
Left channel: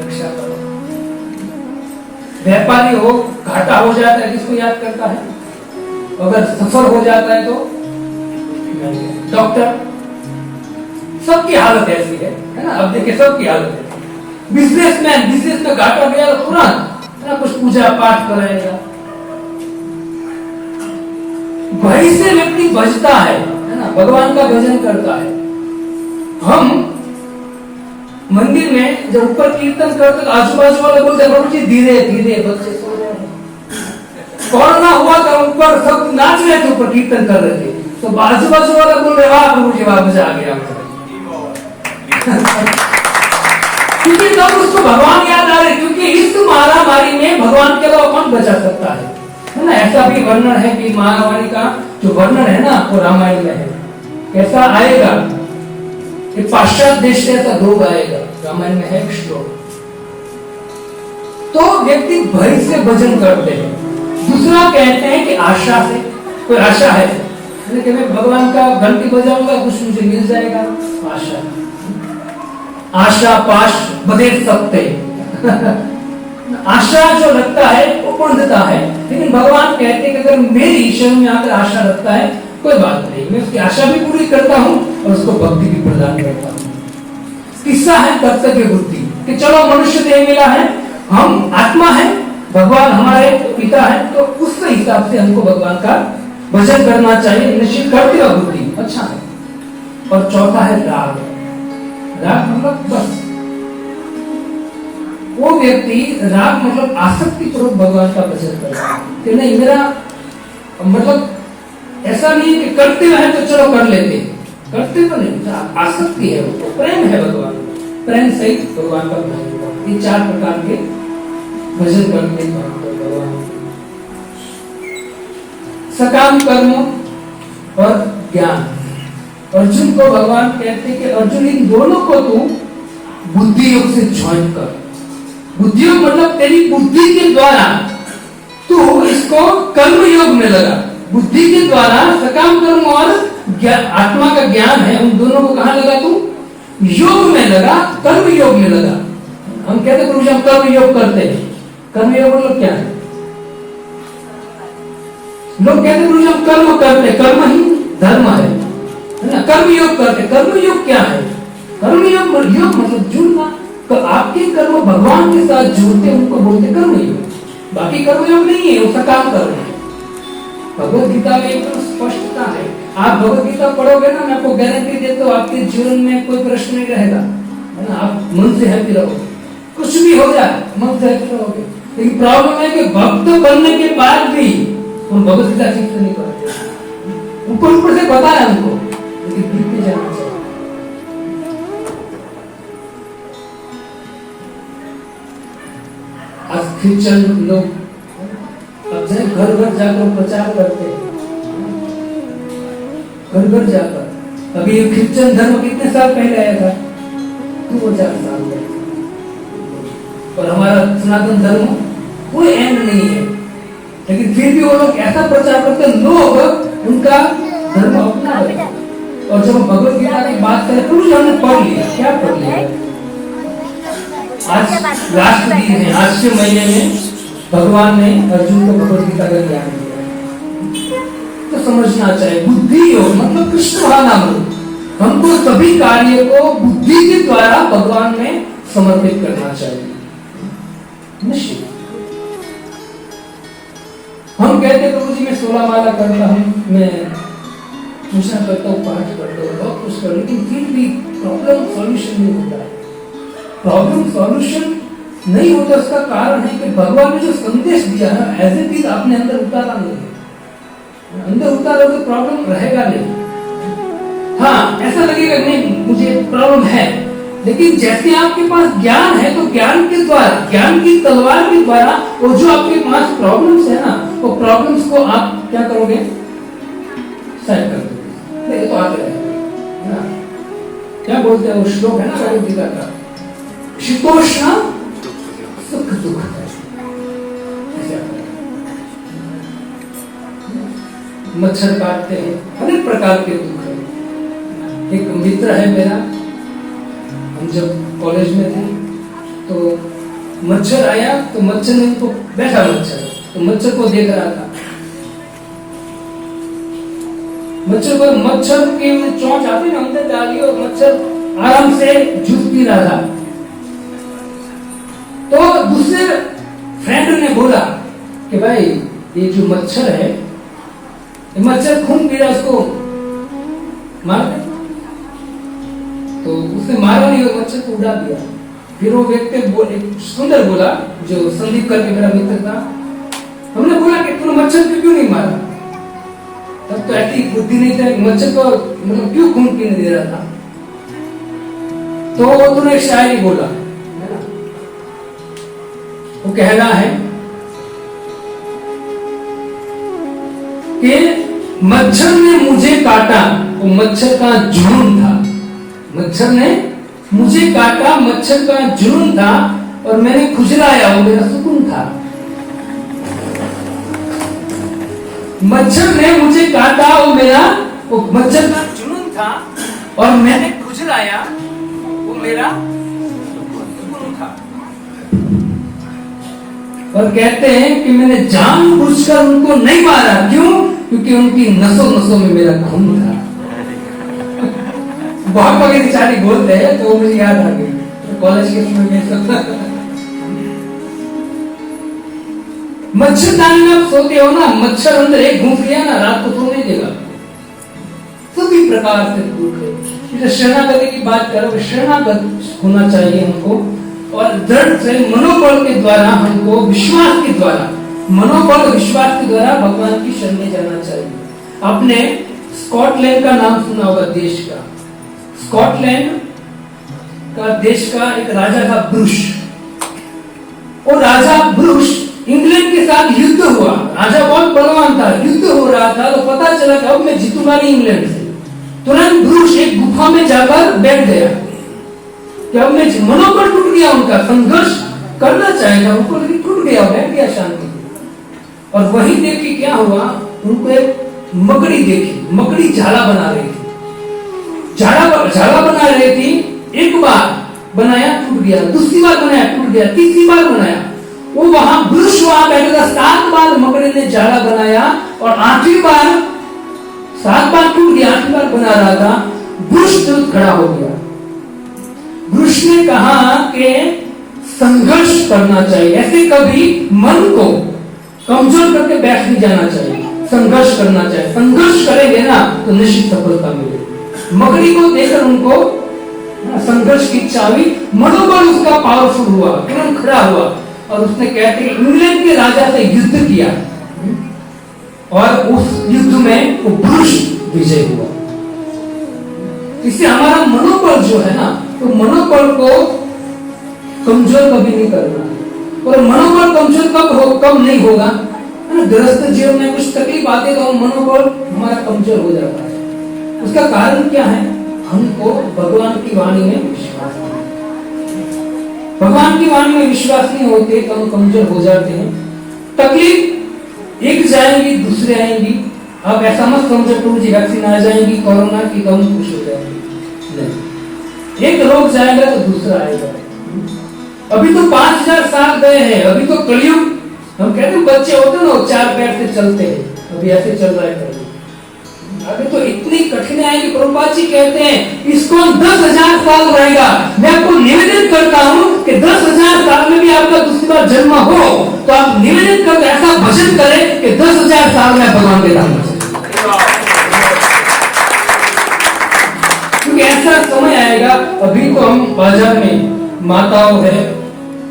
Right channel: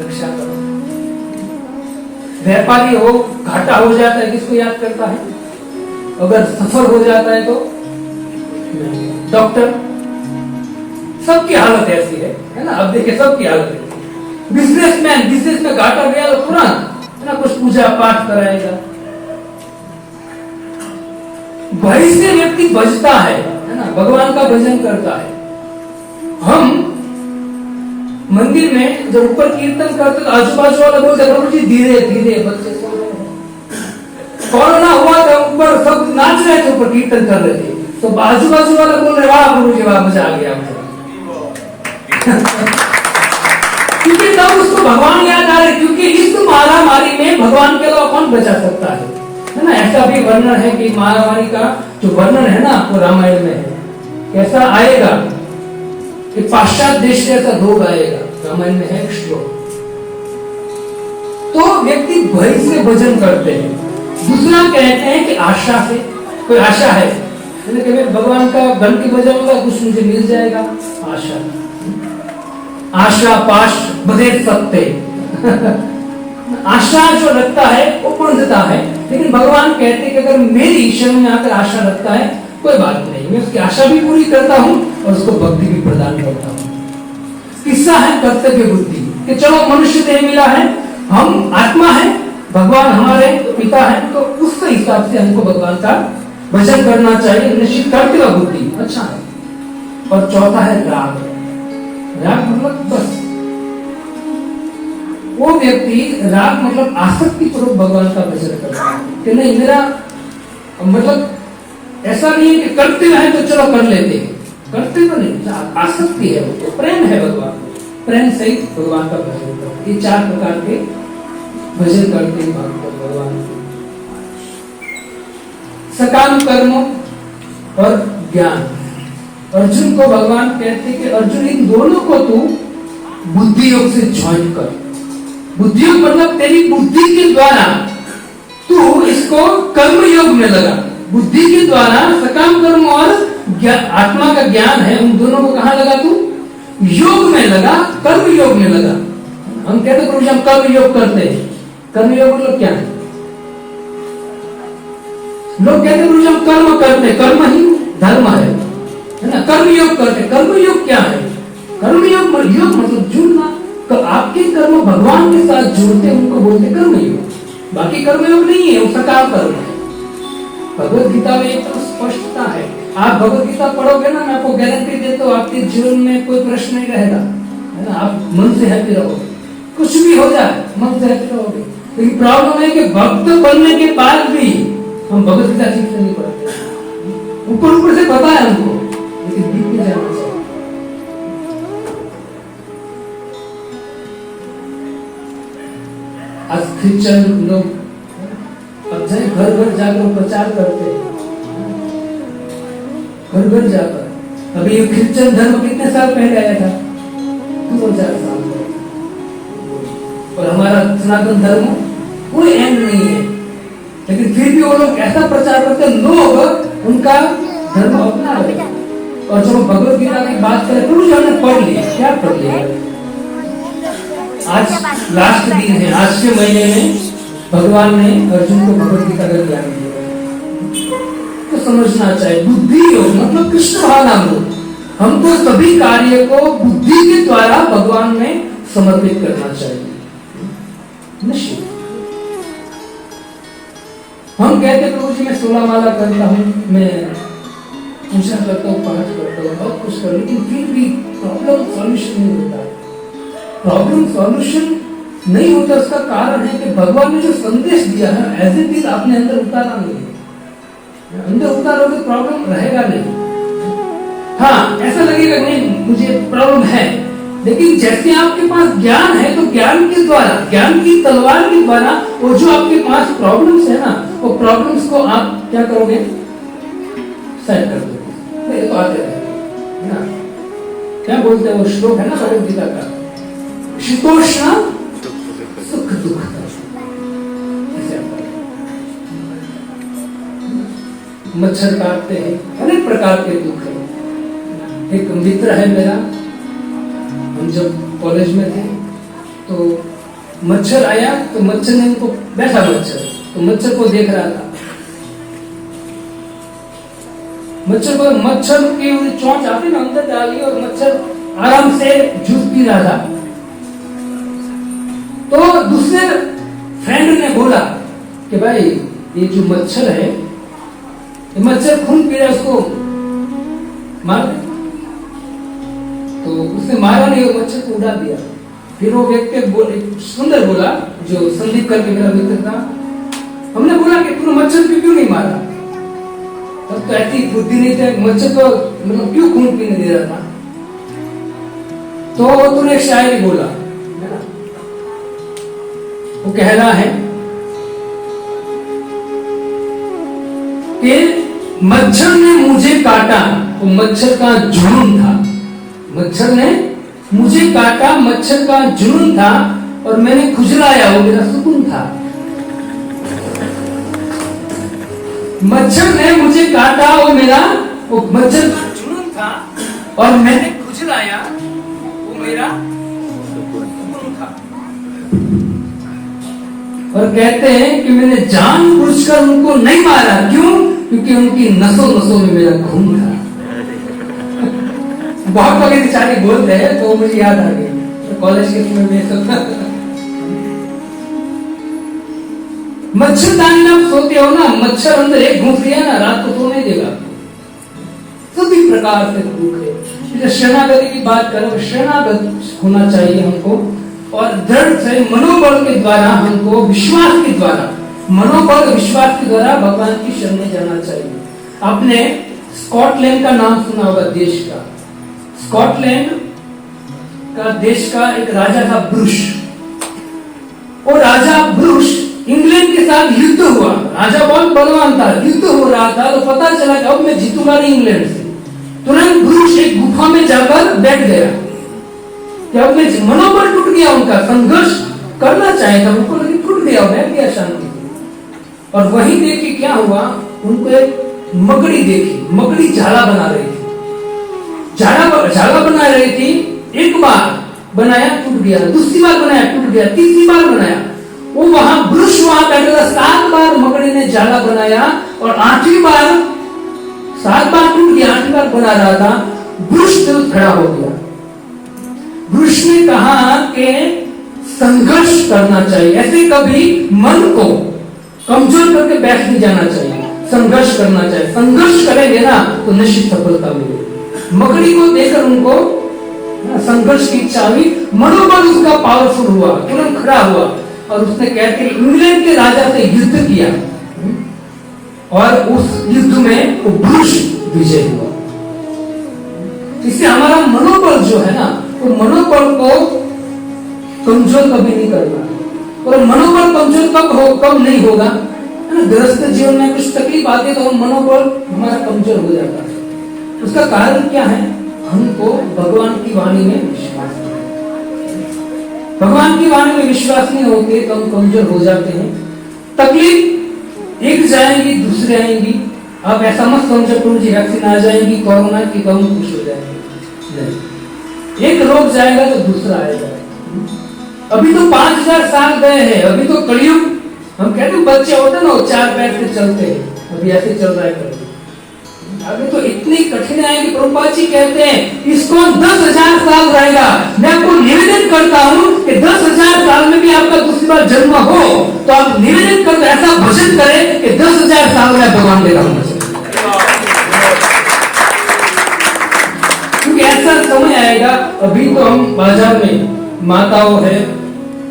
रक्षा करो। व्यापारी हो, घाटा हो जाता है, किसको याद करता है? अगर सफल हो जाता है तो डॉक्टर। सबकी हालत ऐसी है ना? अब देखिए, सबकी हालत है। बिजनेसमैन, बिजनेस में घाटा गया तो तुरंत ना कुछ पूजा पाठ कराएगा। भय से व्यक्ति बचता है ना, भगवान का भजन करता है। हम मंदिर में जब ऊपर कीर्तन करते तो आजू बाजू वाले बोलते प्रभु जी धीरे धीरे, बच्चे सो रहे हैं। कोरोना हुआ तो ऊपर सब नाच रहे थे, ऊपर कीर्तन कर रहे थे, तो आजू बाजू वाले बोल रहे वाह प्रभु जी वाह, मजा आ गया। क्योंकि तब उसको भगवान याद आ रहे, क्योंकि इस महामारी में भगवान के अलावा कौन बचा सकता है ना? ऐसा भी वर्णन है कि महामारी का जो वर्णन है ना, वो रामायण में है। कैसा आएगा कि पाश्चात्य देश से ऐसा रोग आएगा, रामायण में है श्लोक। तो व्यक्ति भय से भजन करते हैं। दूसरा कहते हैं कि आशा से, कोई आशा है कि मैं भगवान का घंटी बजाऊंगा, कुछ मुझे मिल जाएगा। आशा, आशा पाश बदे सकते आशा जो रखता है वो पूर्णता है, लेकिन भगवान कहते हैं कि अगर मेरी ईश्वर में आकर आशा रखता है, कोई बात नहीं, मैं उसकी आशा भी पूरी करता हूं और उसको भक्ति भी प्रदान करता हूं। किस्सा है कर्तव्य बुद्धि कि चलो मनुष्य देह मिला है, हम आत्मा है, भगवान हमारे पिता है, तो उस हिसाब से हमको भगवान का भजन करना चाहिए, निश्चित करते हो बुद्धि, अच्छा है। और चौथा है राग। राग मतलब बस वो व्यक्ति, राग मतलब आसक्ति पूर्वक भगवान का भजन करता है कि नहीं मेरा मतलब ऐसा नहीं कि करते हैं तो चलो कर लेते हैं, करते तो नहीं, आसक्ति है, वो प्रेम है भगवान, प्रेम सहित भगवान का भजन करते। ये 4 प्रकार के भजन करते हैं भगवान। सकाम कर्म और ज्ञान। अर्जुन को भगवान कहते हैं कि अर्जुन इन दोनों को तू बुद्धि योग से ज्वाइन कर। बुद्धि योग मतलब तेरी बुद्धि के द्वारा तू इसको कर्म योग में लगा। बुद्धि के द्वारा सकाम कर्म और आत्मा का ज्ञान है, उन दोनों को कहां लगा तू? योग में लगा, कर्म योग में लगा। हम कहते हैं हम कर्म योग करते हैं, कर्म योग मतलब क्या है? लोग कहते हैं हम कर्म करते, कर्म ही धर्म है ना? कर्म योग करते, कर्म योग क्या है? कर्म योग मतलब जुड़ना, तो आपके कर्म भगवान के साथ जोड़ते उनको बोलते कर्म योग। बाकी कर्म योग नहीं है, वो सकाम कर्म है। भगवत गीता में एकदम स्पष्टता है। आप भगवत गीता पढ़ोगे ना, मैं आपको गारंटी देता हूँ आपके जीवन में कोई प्रश्न नहीं रहेगा, है ना? आप मन से हैप्पी रहोगे, कुछ भी हो जाए मन से हैप्पी रहोगे। लेकिन प्रॉब्लम है कि भक्त बनने के बाद भी हम भगवत गीता ठीक से नहीं पढ़ते। ऊपर से पता है हमको, लेकिन दिल में जाना चाहिए। आज क्रिश्चियन लोग घर घर जाकर प्रचार करते हैं, घर घर जाकर। अभी क्रिश्चियन धर्म कितने साल पहले आया था? 2000 साल पहले। और हमारा सनातन धर्म कोई एंड नहीं है, लेकिन फिर भी वो लोग ऐसा प्रचार करते हैं, लोग उनका धर्म अपना रहे। और जब भगवत गीता की बात करें तो हमने पढ़ लिया, क्या पढ़ लिया? आज लास्ट दिन है, आज के महीने में भगवान ने अर्जुन को भगवत गीता का ज्ञान दिया। तो समझना चाहिए बुद्धि योग मतलब कृष्ण भावनामृत। हमको सभी कार्य को बुद्धि के द्वारा भगवान में समर्पित करना चाहिए। निश्चित हम कहते प्रभु जी मैं 16 माला करता हूँ, मैं पूजा करता हूँ, पाठ करता हूँ, बहुत कुछ कर, लेकिन फिर भी प्रॉब्लम सॉल्यूशन नहीं होता है। प्रॉब्लम सॉल्यूशन नहीं होता, उसका कारण है कि भगवान ने जो संदेश दिया है एज इट इज आपने अंदर उतारा नहीं। अंदर उतारोगे प्रॉब्लम रहेगा नहीं। हाँ, ऐसा लगेगा नहीं मुझे प्रॉब्लम है, लेकिन जैसे आपके पास ज्ञान है तो ज्ञान के द्वारा, ज्ञान की तलवार के द्वारा वो जो आपके पास प्रॉब्लम्स है ना, वो प्रॉब्लम्स को आप क्या करोगे? सेट कर दोगे। तो आते रहेंगे ना, क्या बोलते हैं वो श्लोक है ना भगवद गीता का, शीतोष्ण सुख दुख। मच्छर काटते हैं, अनेक प्रकार के दुख है। एक मित्र है मेरा, हम जब कॉलेज में थे तो मच्छर आया तो मच्छर ने तो बैठा मच्छर, तो मच्छर को देख रहा था। मच्छर की चोंच आती ना अंदर डाली और मच्छर आराम से जूस पी रहा था। तो दूसरे फ्रेंड ने बोला कि भाई ये जो मच्छर है, ये मच्छर खून पी रहा है, उसको मार दे। तो उसने मारा नहीं और मच्छर को उड़ा दिया। फिर वो व्यक्ति सुंदर बोला, जो संदीप करके मेरा मित्र था, हमने बोला कि तूने मच्छर को क्यों नहीं मारा? तब तो ऐसी बुद्धि नहीं था, मच्छर को मतलब क्यों खून पीने दे रहा था? तो तूने एक शायरी बोला, है ना? वो कहना है कि मच्छर ने मुझे काटा, वो मच्छर का जुनून था। मच्छर ने मुझे काटा, मच्छर का जुनून था, और मैंने खुजलाया, वो मेरा सुकून था। मच्छर ने मुझे काटा, वो मच्छर का जुनून था, और मैंने खुजलाया, वो मेरा सुकून था। और कहते हैं कि मैंने जानबूझकर उनको नहीं मारा, क्यों? क्योंकि उनकी नसों नसों में मेरा खून था। बहुत बड़े बेचारे बोलते हैं तो मुझे याद आ गई कॉलेज के समय में सब। मच्छरदानी में आप सोते हो ना, मच्छर अंदर एक घूम लिया ना, रात को प्रकार से दुख है। इसलिए शरणागति की बात करें, शरणागत होना चाहिए हमको, और दृढ़ से मनोबल के द्वारा हमको, विश्वास के द्वारा, मनोबल विश्वास के द्वारा भगवान की शरण में जाना चाहिए। आपने स्कॉटलैंड का नाम सुना होगा, देश का, स्कॉटलैंड का देश का एक राजा था ब्रुश। और राजा ब्रुश, इंग्लैंड के साथ युद्ध हुआ, राजा बहुत बलवान था, युद्ध हो रहा था, तो पता चला कि अब मैं जीतूंगा नहीं इंग्लैंड से। तुरंत ब्रुश एक गुफा में जाकर बैठ गया कि अब मैं, मनोबल टूट गया उनका, संघर्ष करना चाहेगा उनको, लेकिन टूट गया, बैठ गया शांति। और वही देख के क्या हुआ, उनको एक मकड़ी देखी, मकड़ी झाला बना रही थी, झाला बना रही थी। एक बार बनाया, टूट गया, दूसरी बार बनाया, टूट गया, तीसरी बार बनाया। वो वहां ब्रुश वहां बैठा था, 7 बार मकड़ी ने झाला बनाया, और 8वीं बार, 7 बार टूट गया, 8वीं बार बना रहा था, ब्रुश तुरंत खड़ा हो गया। ब्रुश ने कहा कि संघर्ष करना चाहिए, ऐसे कभी मन को कमजोर करके बैठ नहीं जाना चाहिए, संघर्ष करना चाहिए। संघर्ष करेंगे ना तो निश्चित सफलता मिलेगी। मकड़ी को देखकर उनको संघर्ष की इच्छा हुई, मनोबल उसका पावरफुल हुआ, तुरंत खड़ा हुआ, और उसने कहते इंग्लैंड के राजा से युद्ध किया, और उस युद्ध में वो ब्रुश विजय हुआ। इससे हमारा मनोबल जो है ना, तो मनोबल को कमजोर कभी नहीं करना। और मनोबल कमजोर कब नहीं होगा, है ना, गृहस्थ जीवन में कुछ तकलीफ आती है तो मनोबल हमारा कमजोर हो जाता है। उसका कारण क्या है, हमको भगवान की वाणी में विश्वास नहीं, भगवान की वाणी में विश्वास नहीं होते तो हम कमजोर हो जाते हैं। तकलीफ एक जाएंगी, दूसरे आएंगी। आप ऐसा मत समझो प्रभु जी वैक्सीन आ जाएगी कोरोना की तो हम खुश हो जाएंगे, नहीं, एक रोग जाएगा तो दूसरा आएगा। अभी तो 5000 साल गए हैं, अभी तो कलयुग, हम कहते हैं बच्चे होते हैं ना, 4 पैर से चलते हैं, अभी ऐसे चल रहा है कलयुग। अभी तो इतनी कठिन आएगी, प्रभुपाद जी कहते हैं इसको 10,000 साल रहेगा। मैं आपको निवेदन करता हूं कि 10,000 साल में भी आपका दूसरी बार जन्म हो तो आप निवेदन करके ऐसा भजन करें कि 10,000 साल में भगवान के धाम में, क्योंकि ऐसा समय आएगा। अभी तो हम बाजार में माताओं है,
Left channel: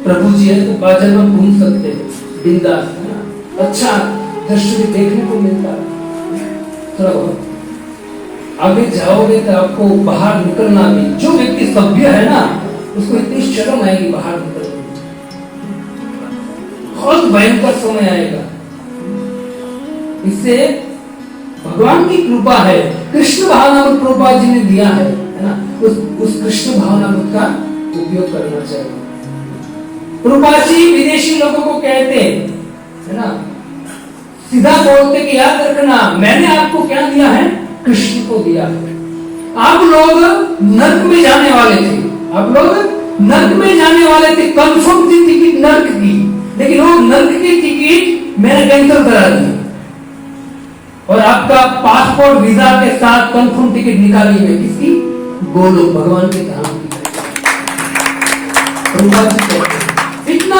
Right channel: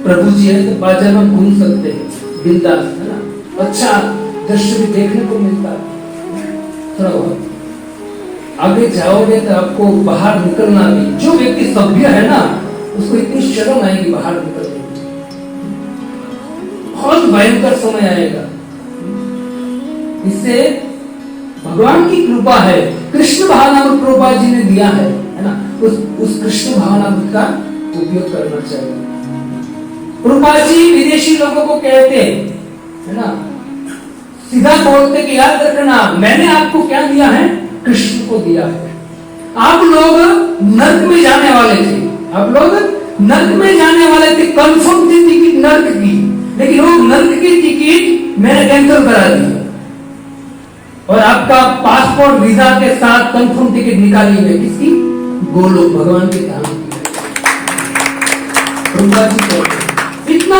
प्रभु जी है, तो बाजार में घूम सकते हैं बिंदास, है ना, अच्छा दृश्य भी देखने को मिलता है। थोड़ा बहुत आगे जाओगे तो आपको बाहर निकलना भी, जो व्यक्ति सभ्य है ना उसको इतनी शर्म आएगी बाहर निकलने, बहुत भयंकर समय आएगा। इससे भगवान की कृपा है, कृष्ण भावनामृत प्रभुपाद जी ने दिया है ना, उस कृष्ण भावनामृत का उपयोग करना चाहिए। प्रभुपाद जी विदेशी लोगों को कहते है ना, सीधा बोलते कि याद रखना मैंने आपको क्या दिया है, कृष्ण को दिया है। आप लोग नर्क में जाने वाले थे, आप लोग नर्क में जाने वाले थे, कंफर्म थी टिकट नर्क की, लेकिन वो नर्क की टिकट मैंने कैंसिल करा दी, और आपका पासपोर्ट वीजा के साथ कंफर्म टिकट निकाली है किसकी, गोलोक भगवान के धाम की। इतना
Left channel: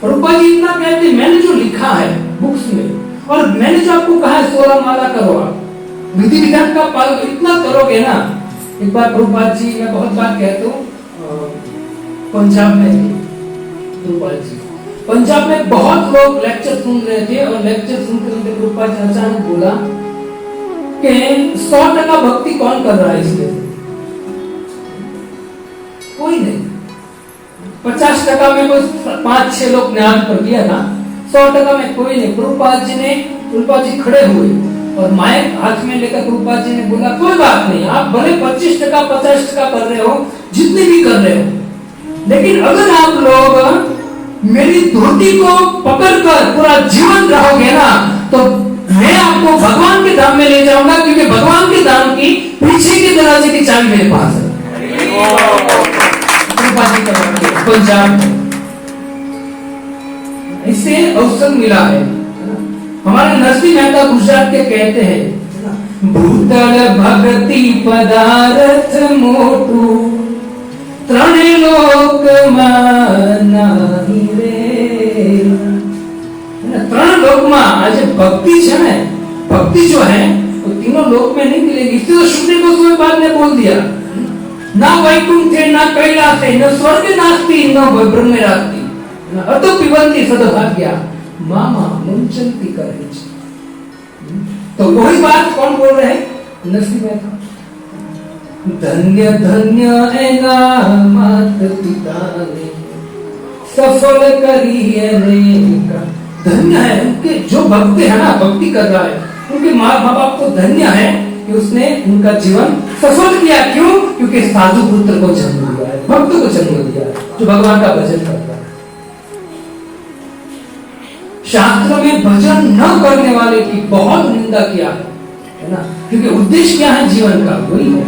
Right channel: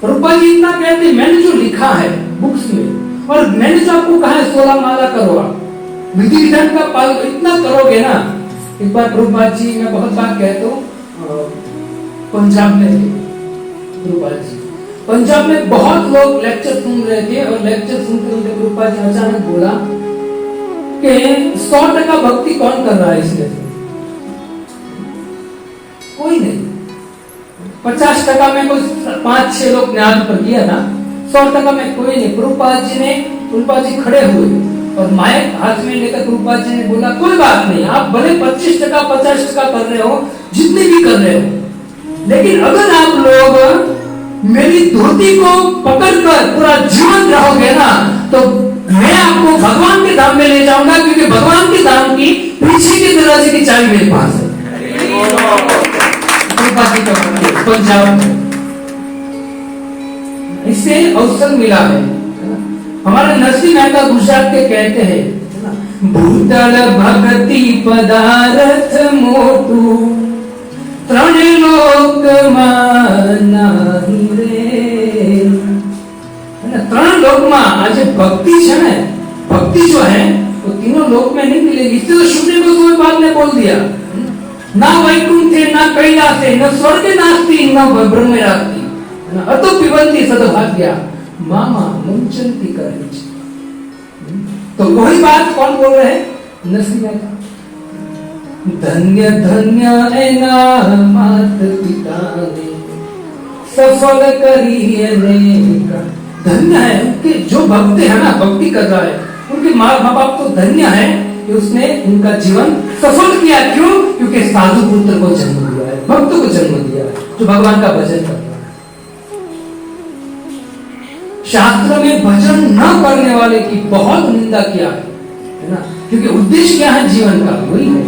प्रभुपाद जी इतना कहते, मैंने जो लिखा है बुक्स में, और मैंने जो आपको कहा है 16 माला करो, आप विधि विधान का पालन इतना करोगे ना। एक बार प्रभुपाद जी, मैं बहुत बार कहता हूँ, पंजाब में प्रभुपाद जी, पंजाब में बहुत लोग लेक्चर सुन रहे थे, और लेक्चर सुनते सुनते प्रभुपाद जी अचानक बोला कि 100% भक्ति कौन कर रहा है इसमें, कोई नहीं। 50% में कोई 5-6 लोग ने आज पर किया ना, 100% में कोई नहीं। प्रभुपाद जी खड़े हुए और माइक हाथ में लेकर प्रभुपाद जी ने बोला कोई बात नहीं, आप भले 25% 50% कर रहे हो, जितने भी कर रहे हो, लेकिन अगर आप लोग मेरी धोती को पकड़कर पूरा जीवन रहोगे ना, तो मैं आपको भगवान के धाम में ले जाऊंगा, क्योंकि भगवान के धाम की पीछे के दरवाजे की चाबी मेरे पास है। पंजाब में इससे अवसर मिला है। हमारे नरसिंह मेहता गुजरात के कहते हैं, भूतल भक्ति पदार्थ मोटू ત્રણે લોકમાં નહીં રે। ત્રણ લોકમાં આજે ભક્તિ છે ને, ભક્તિ जो है वो तीनों लोक में नहीं मिलेगी। इसलिए तो शुभ को कोई बात ने बोल दिया, ना वैकुंठे ना कैलासे न स्वर्ग नास्ति न ब्रह्मे नास्ति अतो पिबन्ति सद्भाग्या मामा मुंचन्ति करहिच। तो वही बात कौन बोल रहे हैं? नरसिंह मेहता। धन्य धन्य ऐना मात पिता ने सफल करिए का। धन्य है उनके जो भक्त है ना, भक्ति कर रहा है, उनके माँ बाप को धन्य है कि उसने उनका जीवन सफल किया। क्यों? क्योंकि साधु पुत्र को जन्म दिया है, भक्त को जन्म दिया है, जो भगवान का भजन करता है। शास्त्र में भजन न करने वाले की बहुत निंदा किया है ना, क्योंकि उद्देश्य क्या है जीवन का, वही है।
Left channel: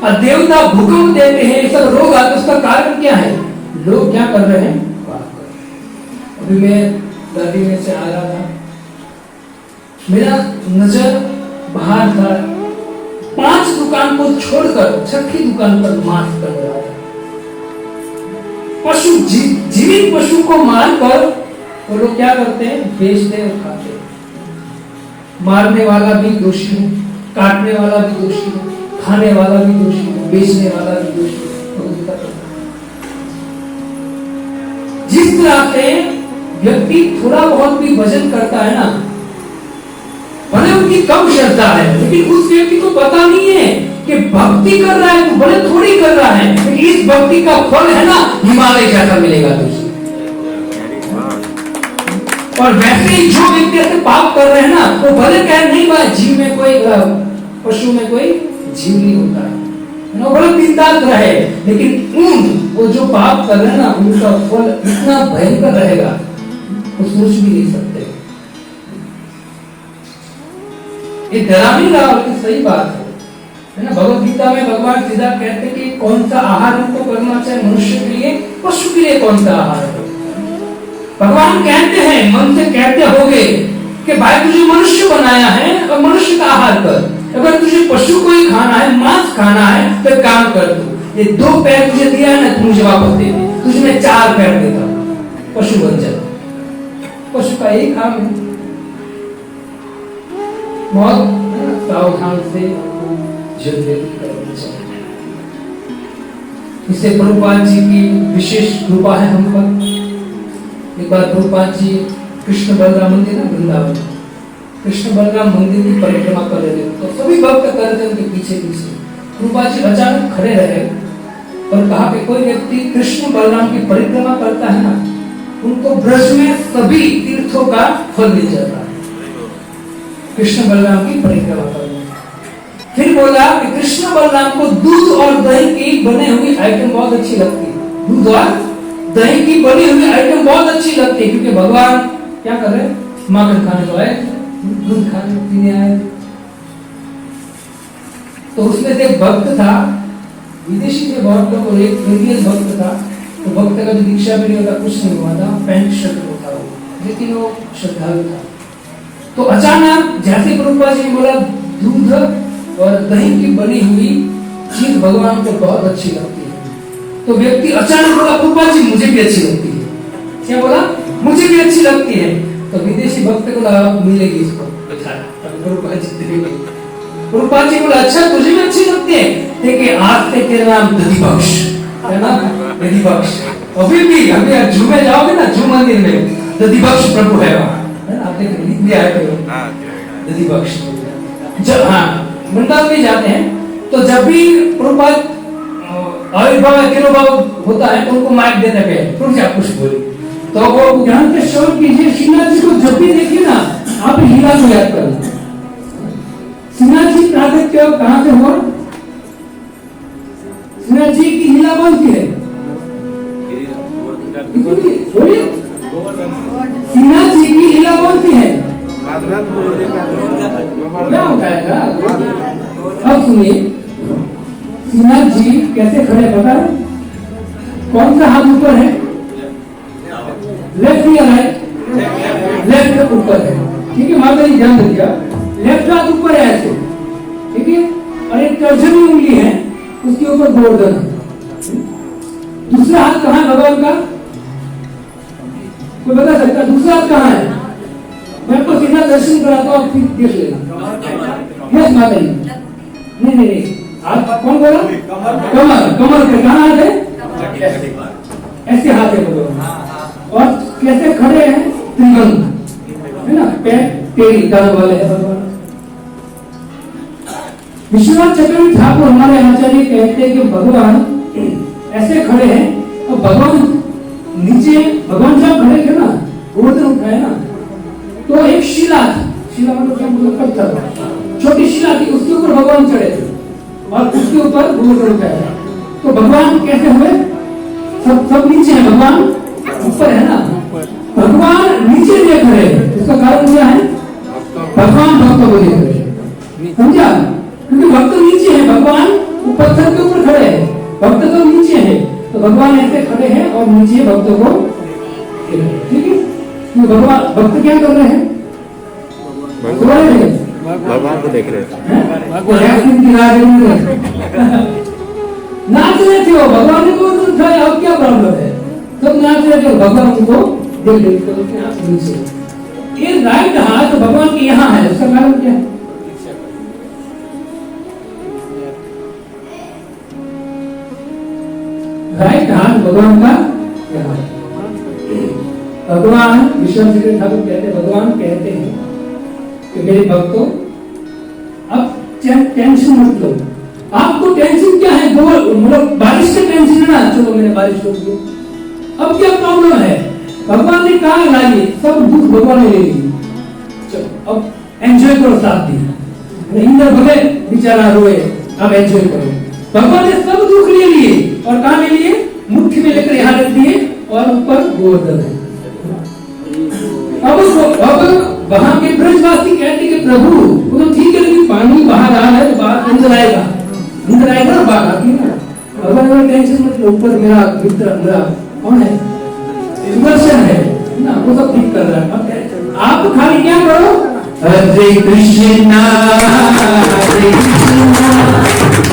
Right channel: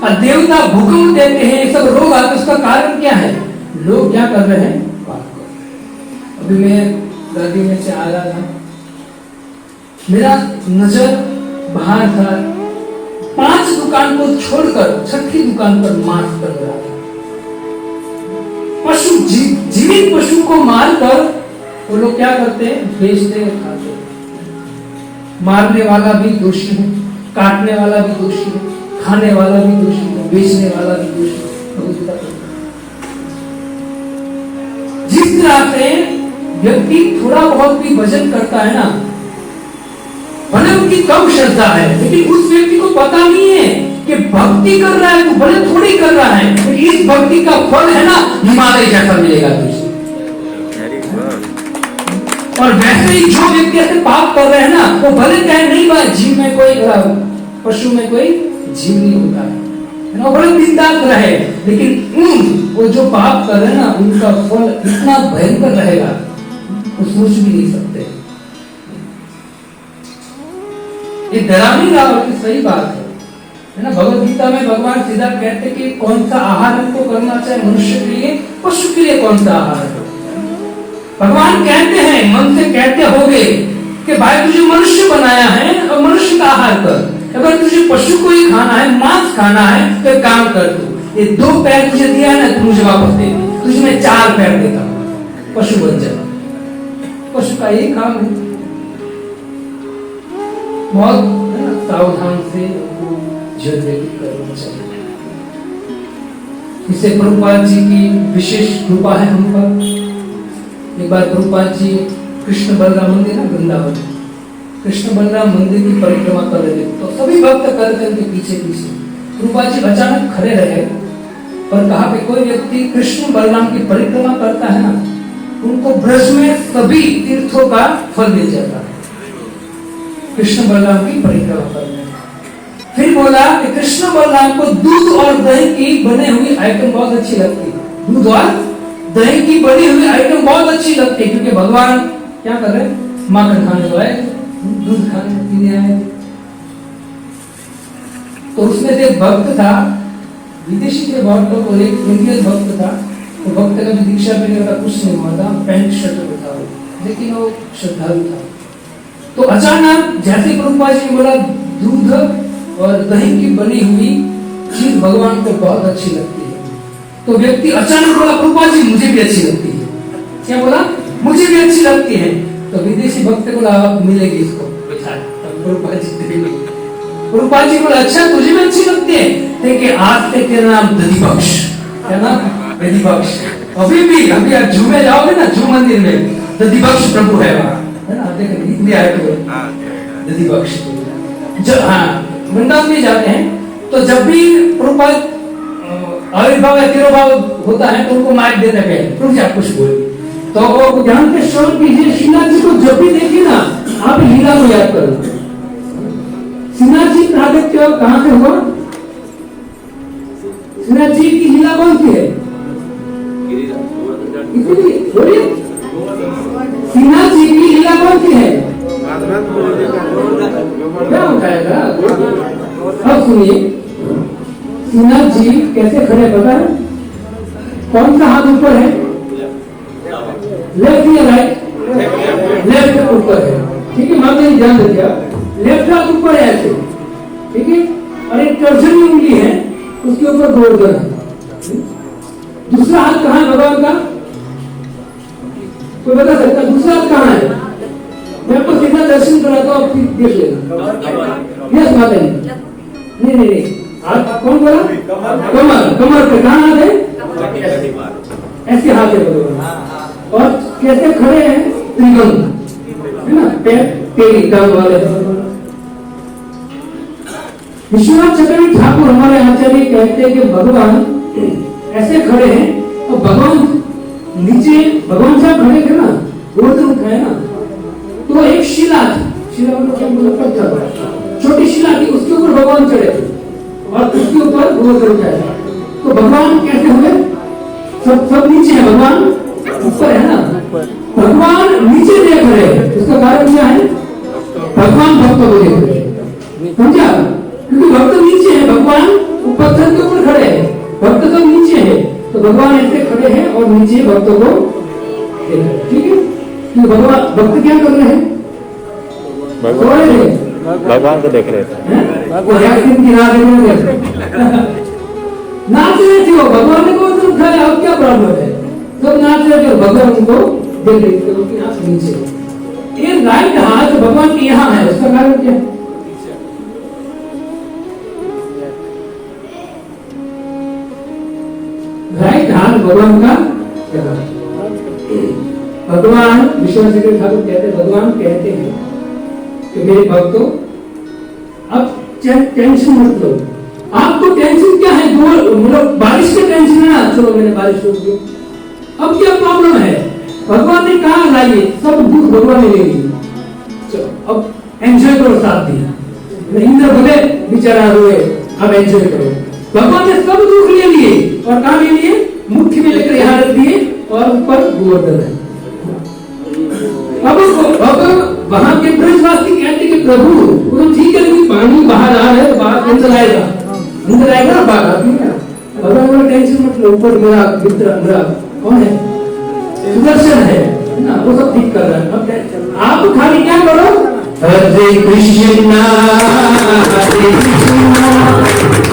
और देवता भूकंप देते हैं, ये सब रोग आते, उसका कारण क्या है? लोग क्या कर रहे हैं? बात कर रहे हैं। अभी मैं दादी में से आ रहा था, मेरा नजर बाहर था, 5 दुकान को छोड़कर 6ठी दुकान पर मांस बन रहा है। पशु जीवित पशु को मारकर वो लोग क्या करते हैं? बेचते और खाते हैं। मारने वाला भी दोषी है, काटने वाला भी दोषी है, खाने वाला भी दोषी है, बेचने वाला भी दोषी है। जिस तरह से व्यक्ति थोड़ा बहुत भी भजन करता है ना, भले उनकी कम श्रद्धा है, लेकिन उस व्यक्ति को पता नहीं है कि भक्ति कर रहा है तो भले थोड़ी कर रहा है, लेकिन इस भक्ति का फल है ना हिमालय जैसा मिलेगा तुझे। और वैसे ही जो व्यक्ति ऐसे पाप कर रहे हैं ना, वो भले कहे नहीं भाई जीव में कोई पशु में कोई जीव नहीं होता है, बड़ा सिद्धांत रहे, लेकिन वो जो पाप कर रहे हैं ना, उनका फल इतना भयंकर रहेगा वो सोच भी नहीं सकते। ये डरा नहीं रहा, बल्कि सही बात है ना। भगवत गीता में भगवान सीधा कहते हैं कि कौन सा आहार हमको करना चाहिए, मनुष्य के लिए, पशु के लिए कौन सा आहार है। भगवान कहते हैं, मन से कहते होगे कि भाई तुझे मनुष्य बनाया है और मनुष्य का आहार कर। अगर तुझे पशु को ही खाना है, मांस खाना है, तो काम कर तू, ये 2 पैर तुझे दिया है ना, तू मुझे वापस दे दे, तुझे मैं 4 पैर देता हूं, पशु बन जा। पशु का यही काम है। बहुत सावधान से करना चाहिए। इससे प्रभुपाद जी की विशेष कृपा है हम पर। एक बार प्रभुपाद जी कृष्ण बलराम मंदिर ना वृंदावन, कृष्ण बलराम मंदिर की परिक्रमा कर रहे थे, तो सभी भक्त कर रहे थे उनके पीछे पीछे। प्रभुपाद जी अचानक खड़े रहे और कहा कि कोई व्यक्ति कृष्ण बलराम की परिक्रमा करता है ना, उनको ब्रज में सभी तीर्थों का फल मिल जाता है, कृष्ण बलराम की परिक्रमा करने। फिर बोला कि कृष्ण बलराम को दूध और दही की बनी हुई आइटम बहुत अच्छी लगती है, दूध और दही की बनी हुई आइटम बहुत अच्छी लगती है, क्योंकि भगवान क्या कर रहे हैं? माखन खाने वाले, दूध खाने पीने आए। तो उसमें से एक भक्त था, विदेशी थे बहुत लोग, और एक इंडियन भक्त था। तो भक्त का भी दीक्षा भी नहीं होता, कुछ नहीं हुआ था, पैंट शर्ट होता वो, लेकिन वो श्रद्धालु था। तो अचानक जैसे प्रभुपाद जी ने बोला दूध और दही की बनी हुई चीज भगवान को बहुत अच्छी लगती है, तो व्यक्ति अचानक बोला प्रभुपाद जी मुझे भी अच्छी लगती है। क्या बोला? मुझे भी अच्छी लगती है। तो विदेशी भक्त को मिलेगी इसको, प्रभुपाद जी बोला अच्छा तुझे भी अच्छी लगती है, देखिए आज से तेरा नाम दधिबक्ष है ना, दधिबक्ष। अभी भी अभी आप जू में जाओगे ना, जू मंदिर में दधिबक्ष प्रभु है वहाँ, है ना, आप देखेंगे दधिबक्ष। जब हाँ वृंदावन में जाते हैं, तो जब भी प्रभुपाद आविर्भाव या तिरुभाव होता है तो उनको माइक देते हैं, प्रभु जी आप कुछ बोलिए। तो वो ध्यान से श्रवण कीजिए। श्रीनाथ जी को जब भी देखिए ना, आप लीला को याद करना। श्रीनाथ जी प्रागट्य कहाँ से हुआ? श्रीनाथ जी की लीला कौन सी है? श्रीनाथ जी की लीला कौन सी है? क्या बताएगा? अब सुनिए, श्रीनाथ जी कैसे खड़े पता है? कौन सा हाथ ऊपर है? लेफ्ट या राइट? लेफ्ट ऊपर है, ठीक है, माता जी ध्यान दिया। लेफ्ट हाथ ऊपर है ऐसे, ठीक है, और एक तर्जनी उंगली है, उसके ऊपर गोवर्धन है। दूसरा हाथ कहाँ है भगवान का? कोई बता सकता? दूसरा हाथ कहाँ है? मैं आपको सीधा दर्शन कराता हूँ, फिर देख लेना। यस माता जी? नहीं नहीं नहीं, हाथ कौन बोला? कमर, कमर पे कहाँ हाथ है? ऐसे हाथ है भगवान, और कैसे खड़े हैं? त्रिगम है ना, पैर टेढ़ी टांग वाले भगवान। विश्वनाथ चक्रवर्ती ठाकुर हमारे आचार्य कहते हैं कि भगवान ऐसे खड़े हैं और भगवान नीचे, भगवान जब खड़े थे ना, गोवर्धन उठाए ना, तो एक शिला थी, शिला मतलब क्या, मतलब पत्थर, छोटी शिला थी, उसके ऊपर भगवान चढ़े थे और उसके ऊपर गोवर्धन उठाया। तो भगवान कैसे हुए? सब नीचे है, भगवान ऊपर है ना। भगवान नीचे देख रहे हैं, उसका कारण क्या है? भगवान भक्त को देख रहे हैं, समझा? क्योंकि भक्त नीचे है, भगवान पत्थर के ऊपर खड़े हैं, भक्त तो नीचे है, तो भगवान ऐसे खड़े हैं और नीचे भक्तों को, ठीक है? तो भगवान, भक्त क्या कर रहे हैं? भगवान को देख रहे थे, नाच रहे थे वो, भगवान ने कौन सा उठाया? अब क्या प्रॉब्लम है? सब नाच रहे थे, भगवान उनको देख रहे थे, उनके हाथ नीचे। ये राइट हाथ भगवान के यहाँ है, उसका कारण क्या है? राइट हाथ भगवान का, भगवान विश्वनाथ चक्रवर्ती ठाकुर कहते, भगवान कहते हैं कि मेरे भक्तों, अब टेंशन मत लो। आपको टेंशन क्या है? मतलब बारिश का टेंशन है ना, चलो मैंने बारिश रोक दी, अब क्या प्रॉब्लम है? भगवान ने कहा लाइए, सब दुख भगवान ने ले लिए, चलो अब एंजॉय करो, साथ दिया। इंद्र बोले बेचारा रोए, अब एंजॉय करो। भगवान ने सब दुख ले लिए और कहा ले लिए? मुख्य में लेकर यहाँ रख दिए और ऊपर गोवर्धन है। अब वहां के ब्रजवासी कहते कि प्रभु वो तो ठीक है, लेकिन पानी बाहर आ रहा है तो बाहर अंदर आएगा ना, बाहर आती है। भगवान का टेंशन मत लो, ऊपर मेरा मित्र मेरा कौन है? सुदर्शन है ना, वो सब ठीक कर रहा है। आप खाली क्या करो? हरे कृष्णा हरे कृष्णा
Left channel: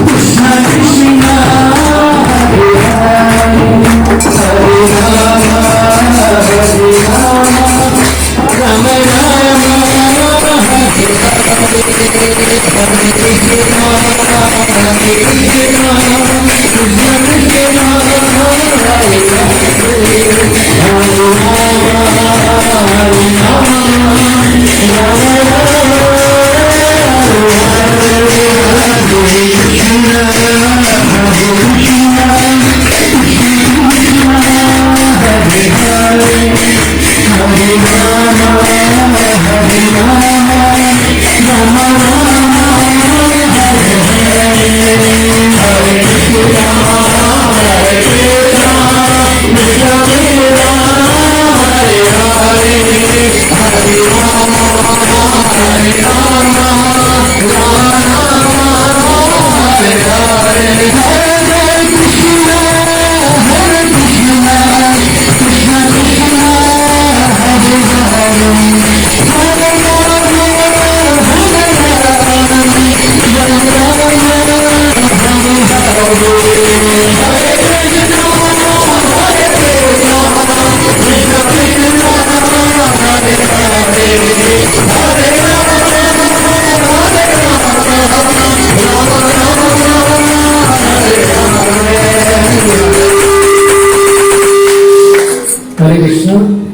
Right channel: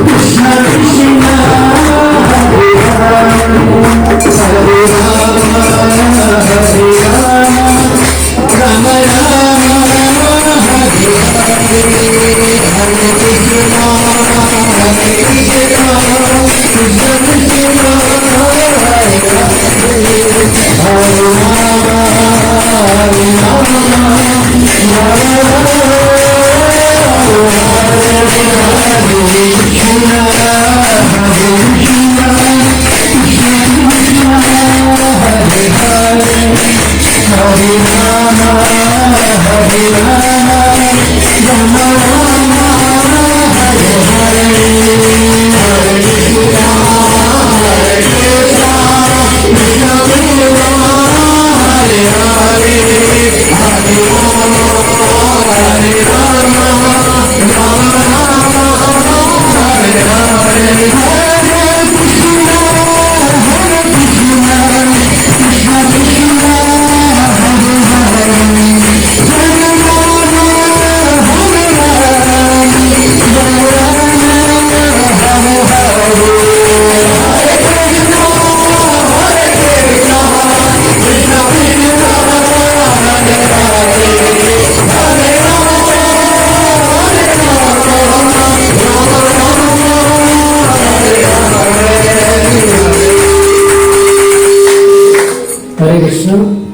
कृष्णा कृष्णा हरे हरे, हरे राम हरे राम राम राम हरे हरे, हरे कृष्णा हरे कृष्णा कृष्णा कृष्णा हरे हरे, हरे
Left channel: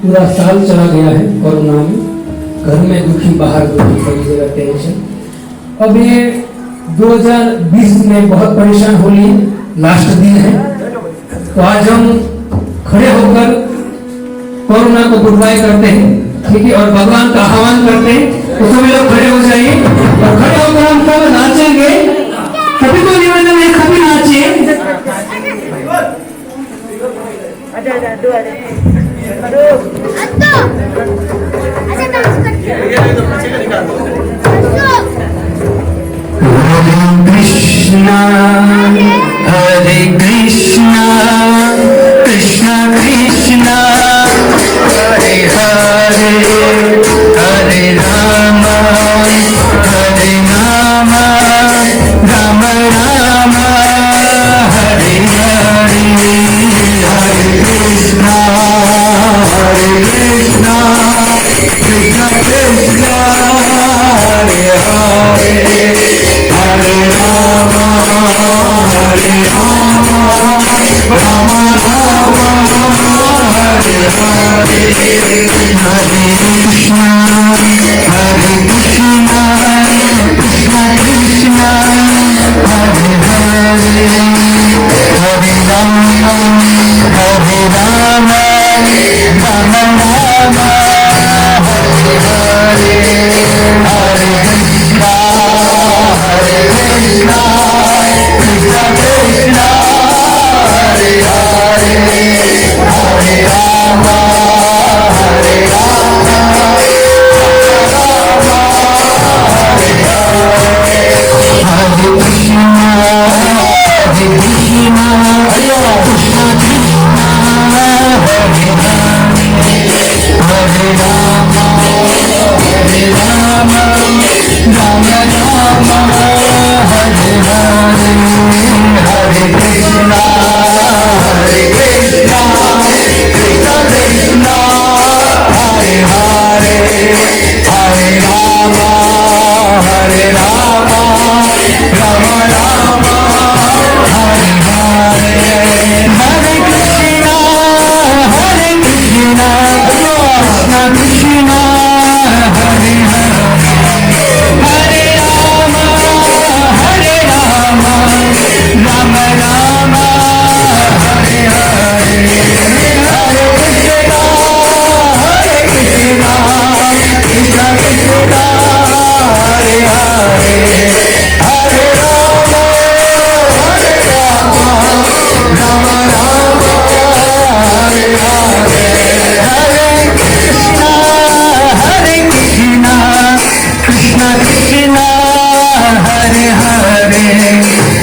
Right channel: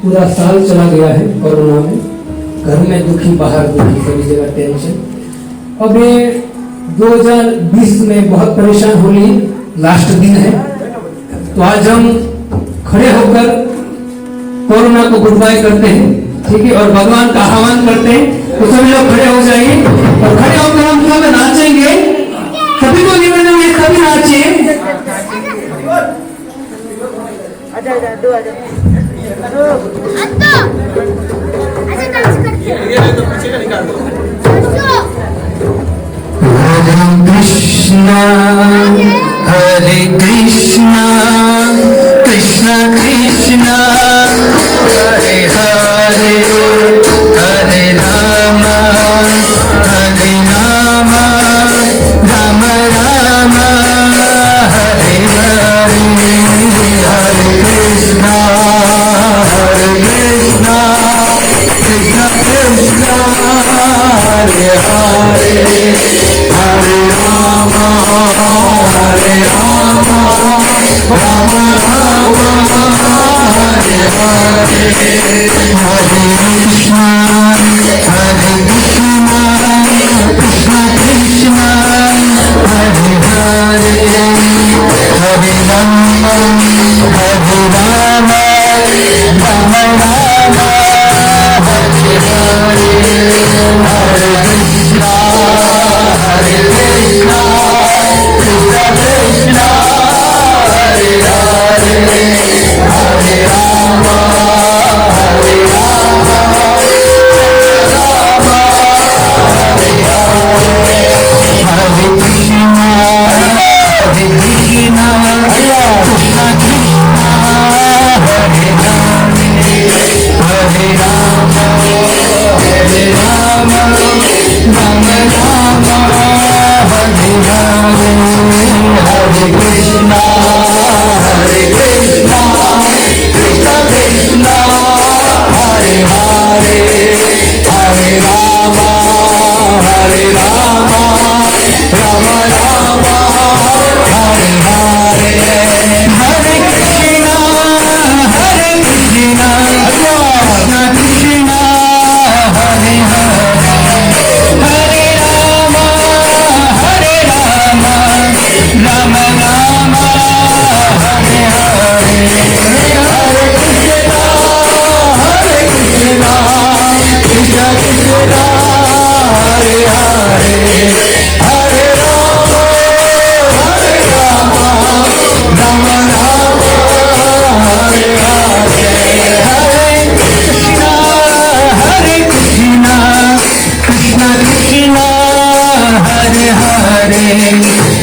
पूरा साल चला गया है कोरोना में, घर में दुखी बाहर दुखी, सभी जगह टेंशन। अब ये 2020 में बहुत परेशान हो लिए, लास्ट दिन है, तो आज हम खड़े होकर कोरोना को गुड बाय करते हैं, ठीक है, और भगवान का आह्वान करते हैं। तो सभी लोग खड़े हो जाइए और खड़े होकर हम सब नाचेंगे। सभी को निवेदन है, सभी नाचिए। हरे कृष्णा कृष्णा कृष्णा हरे हरे, हरे राम राम राम हरे हरे, हरे कृष्णा कृष्णा कृष्णा हरे हरे, हरे हरे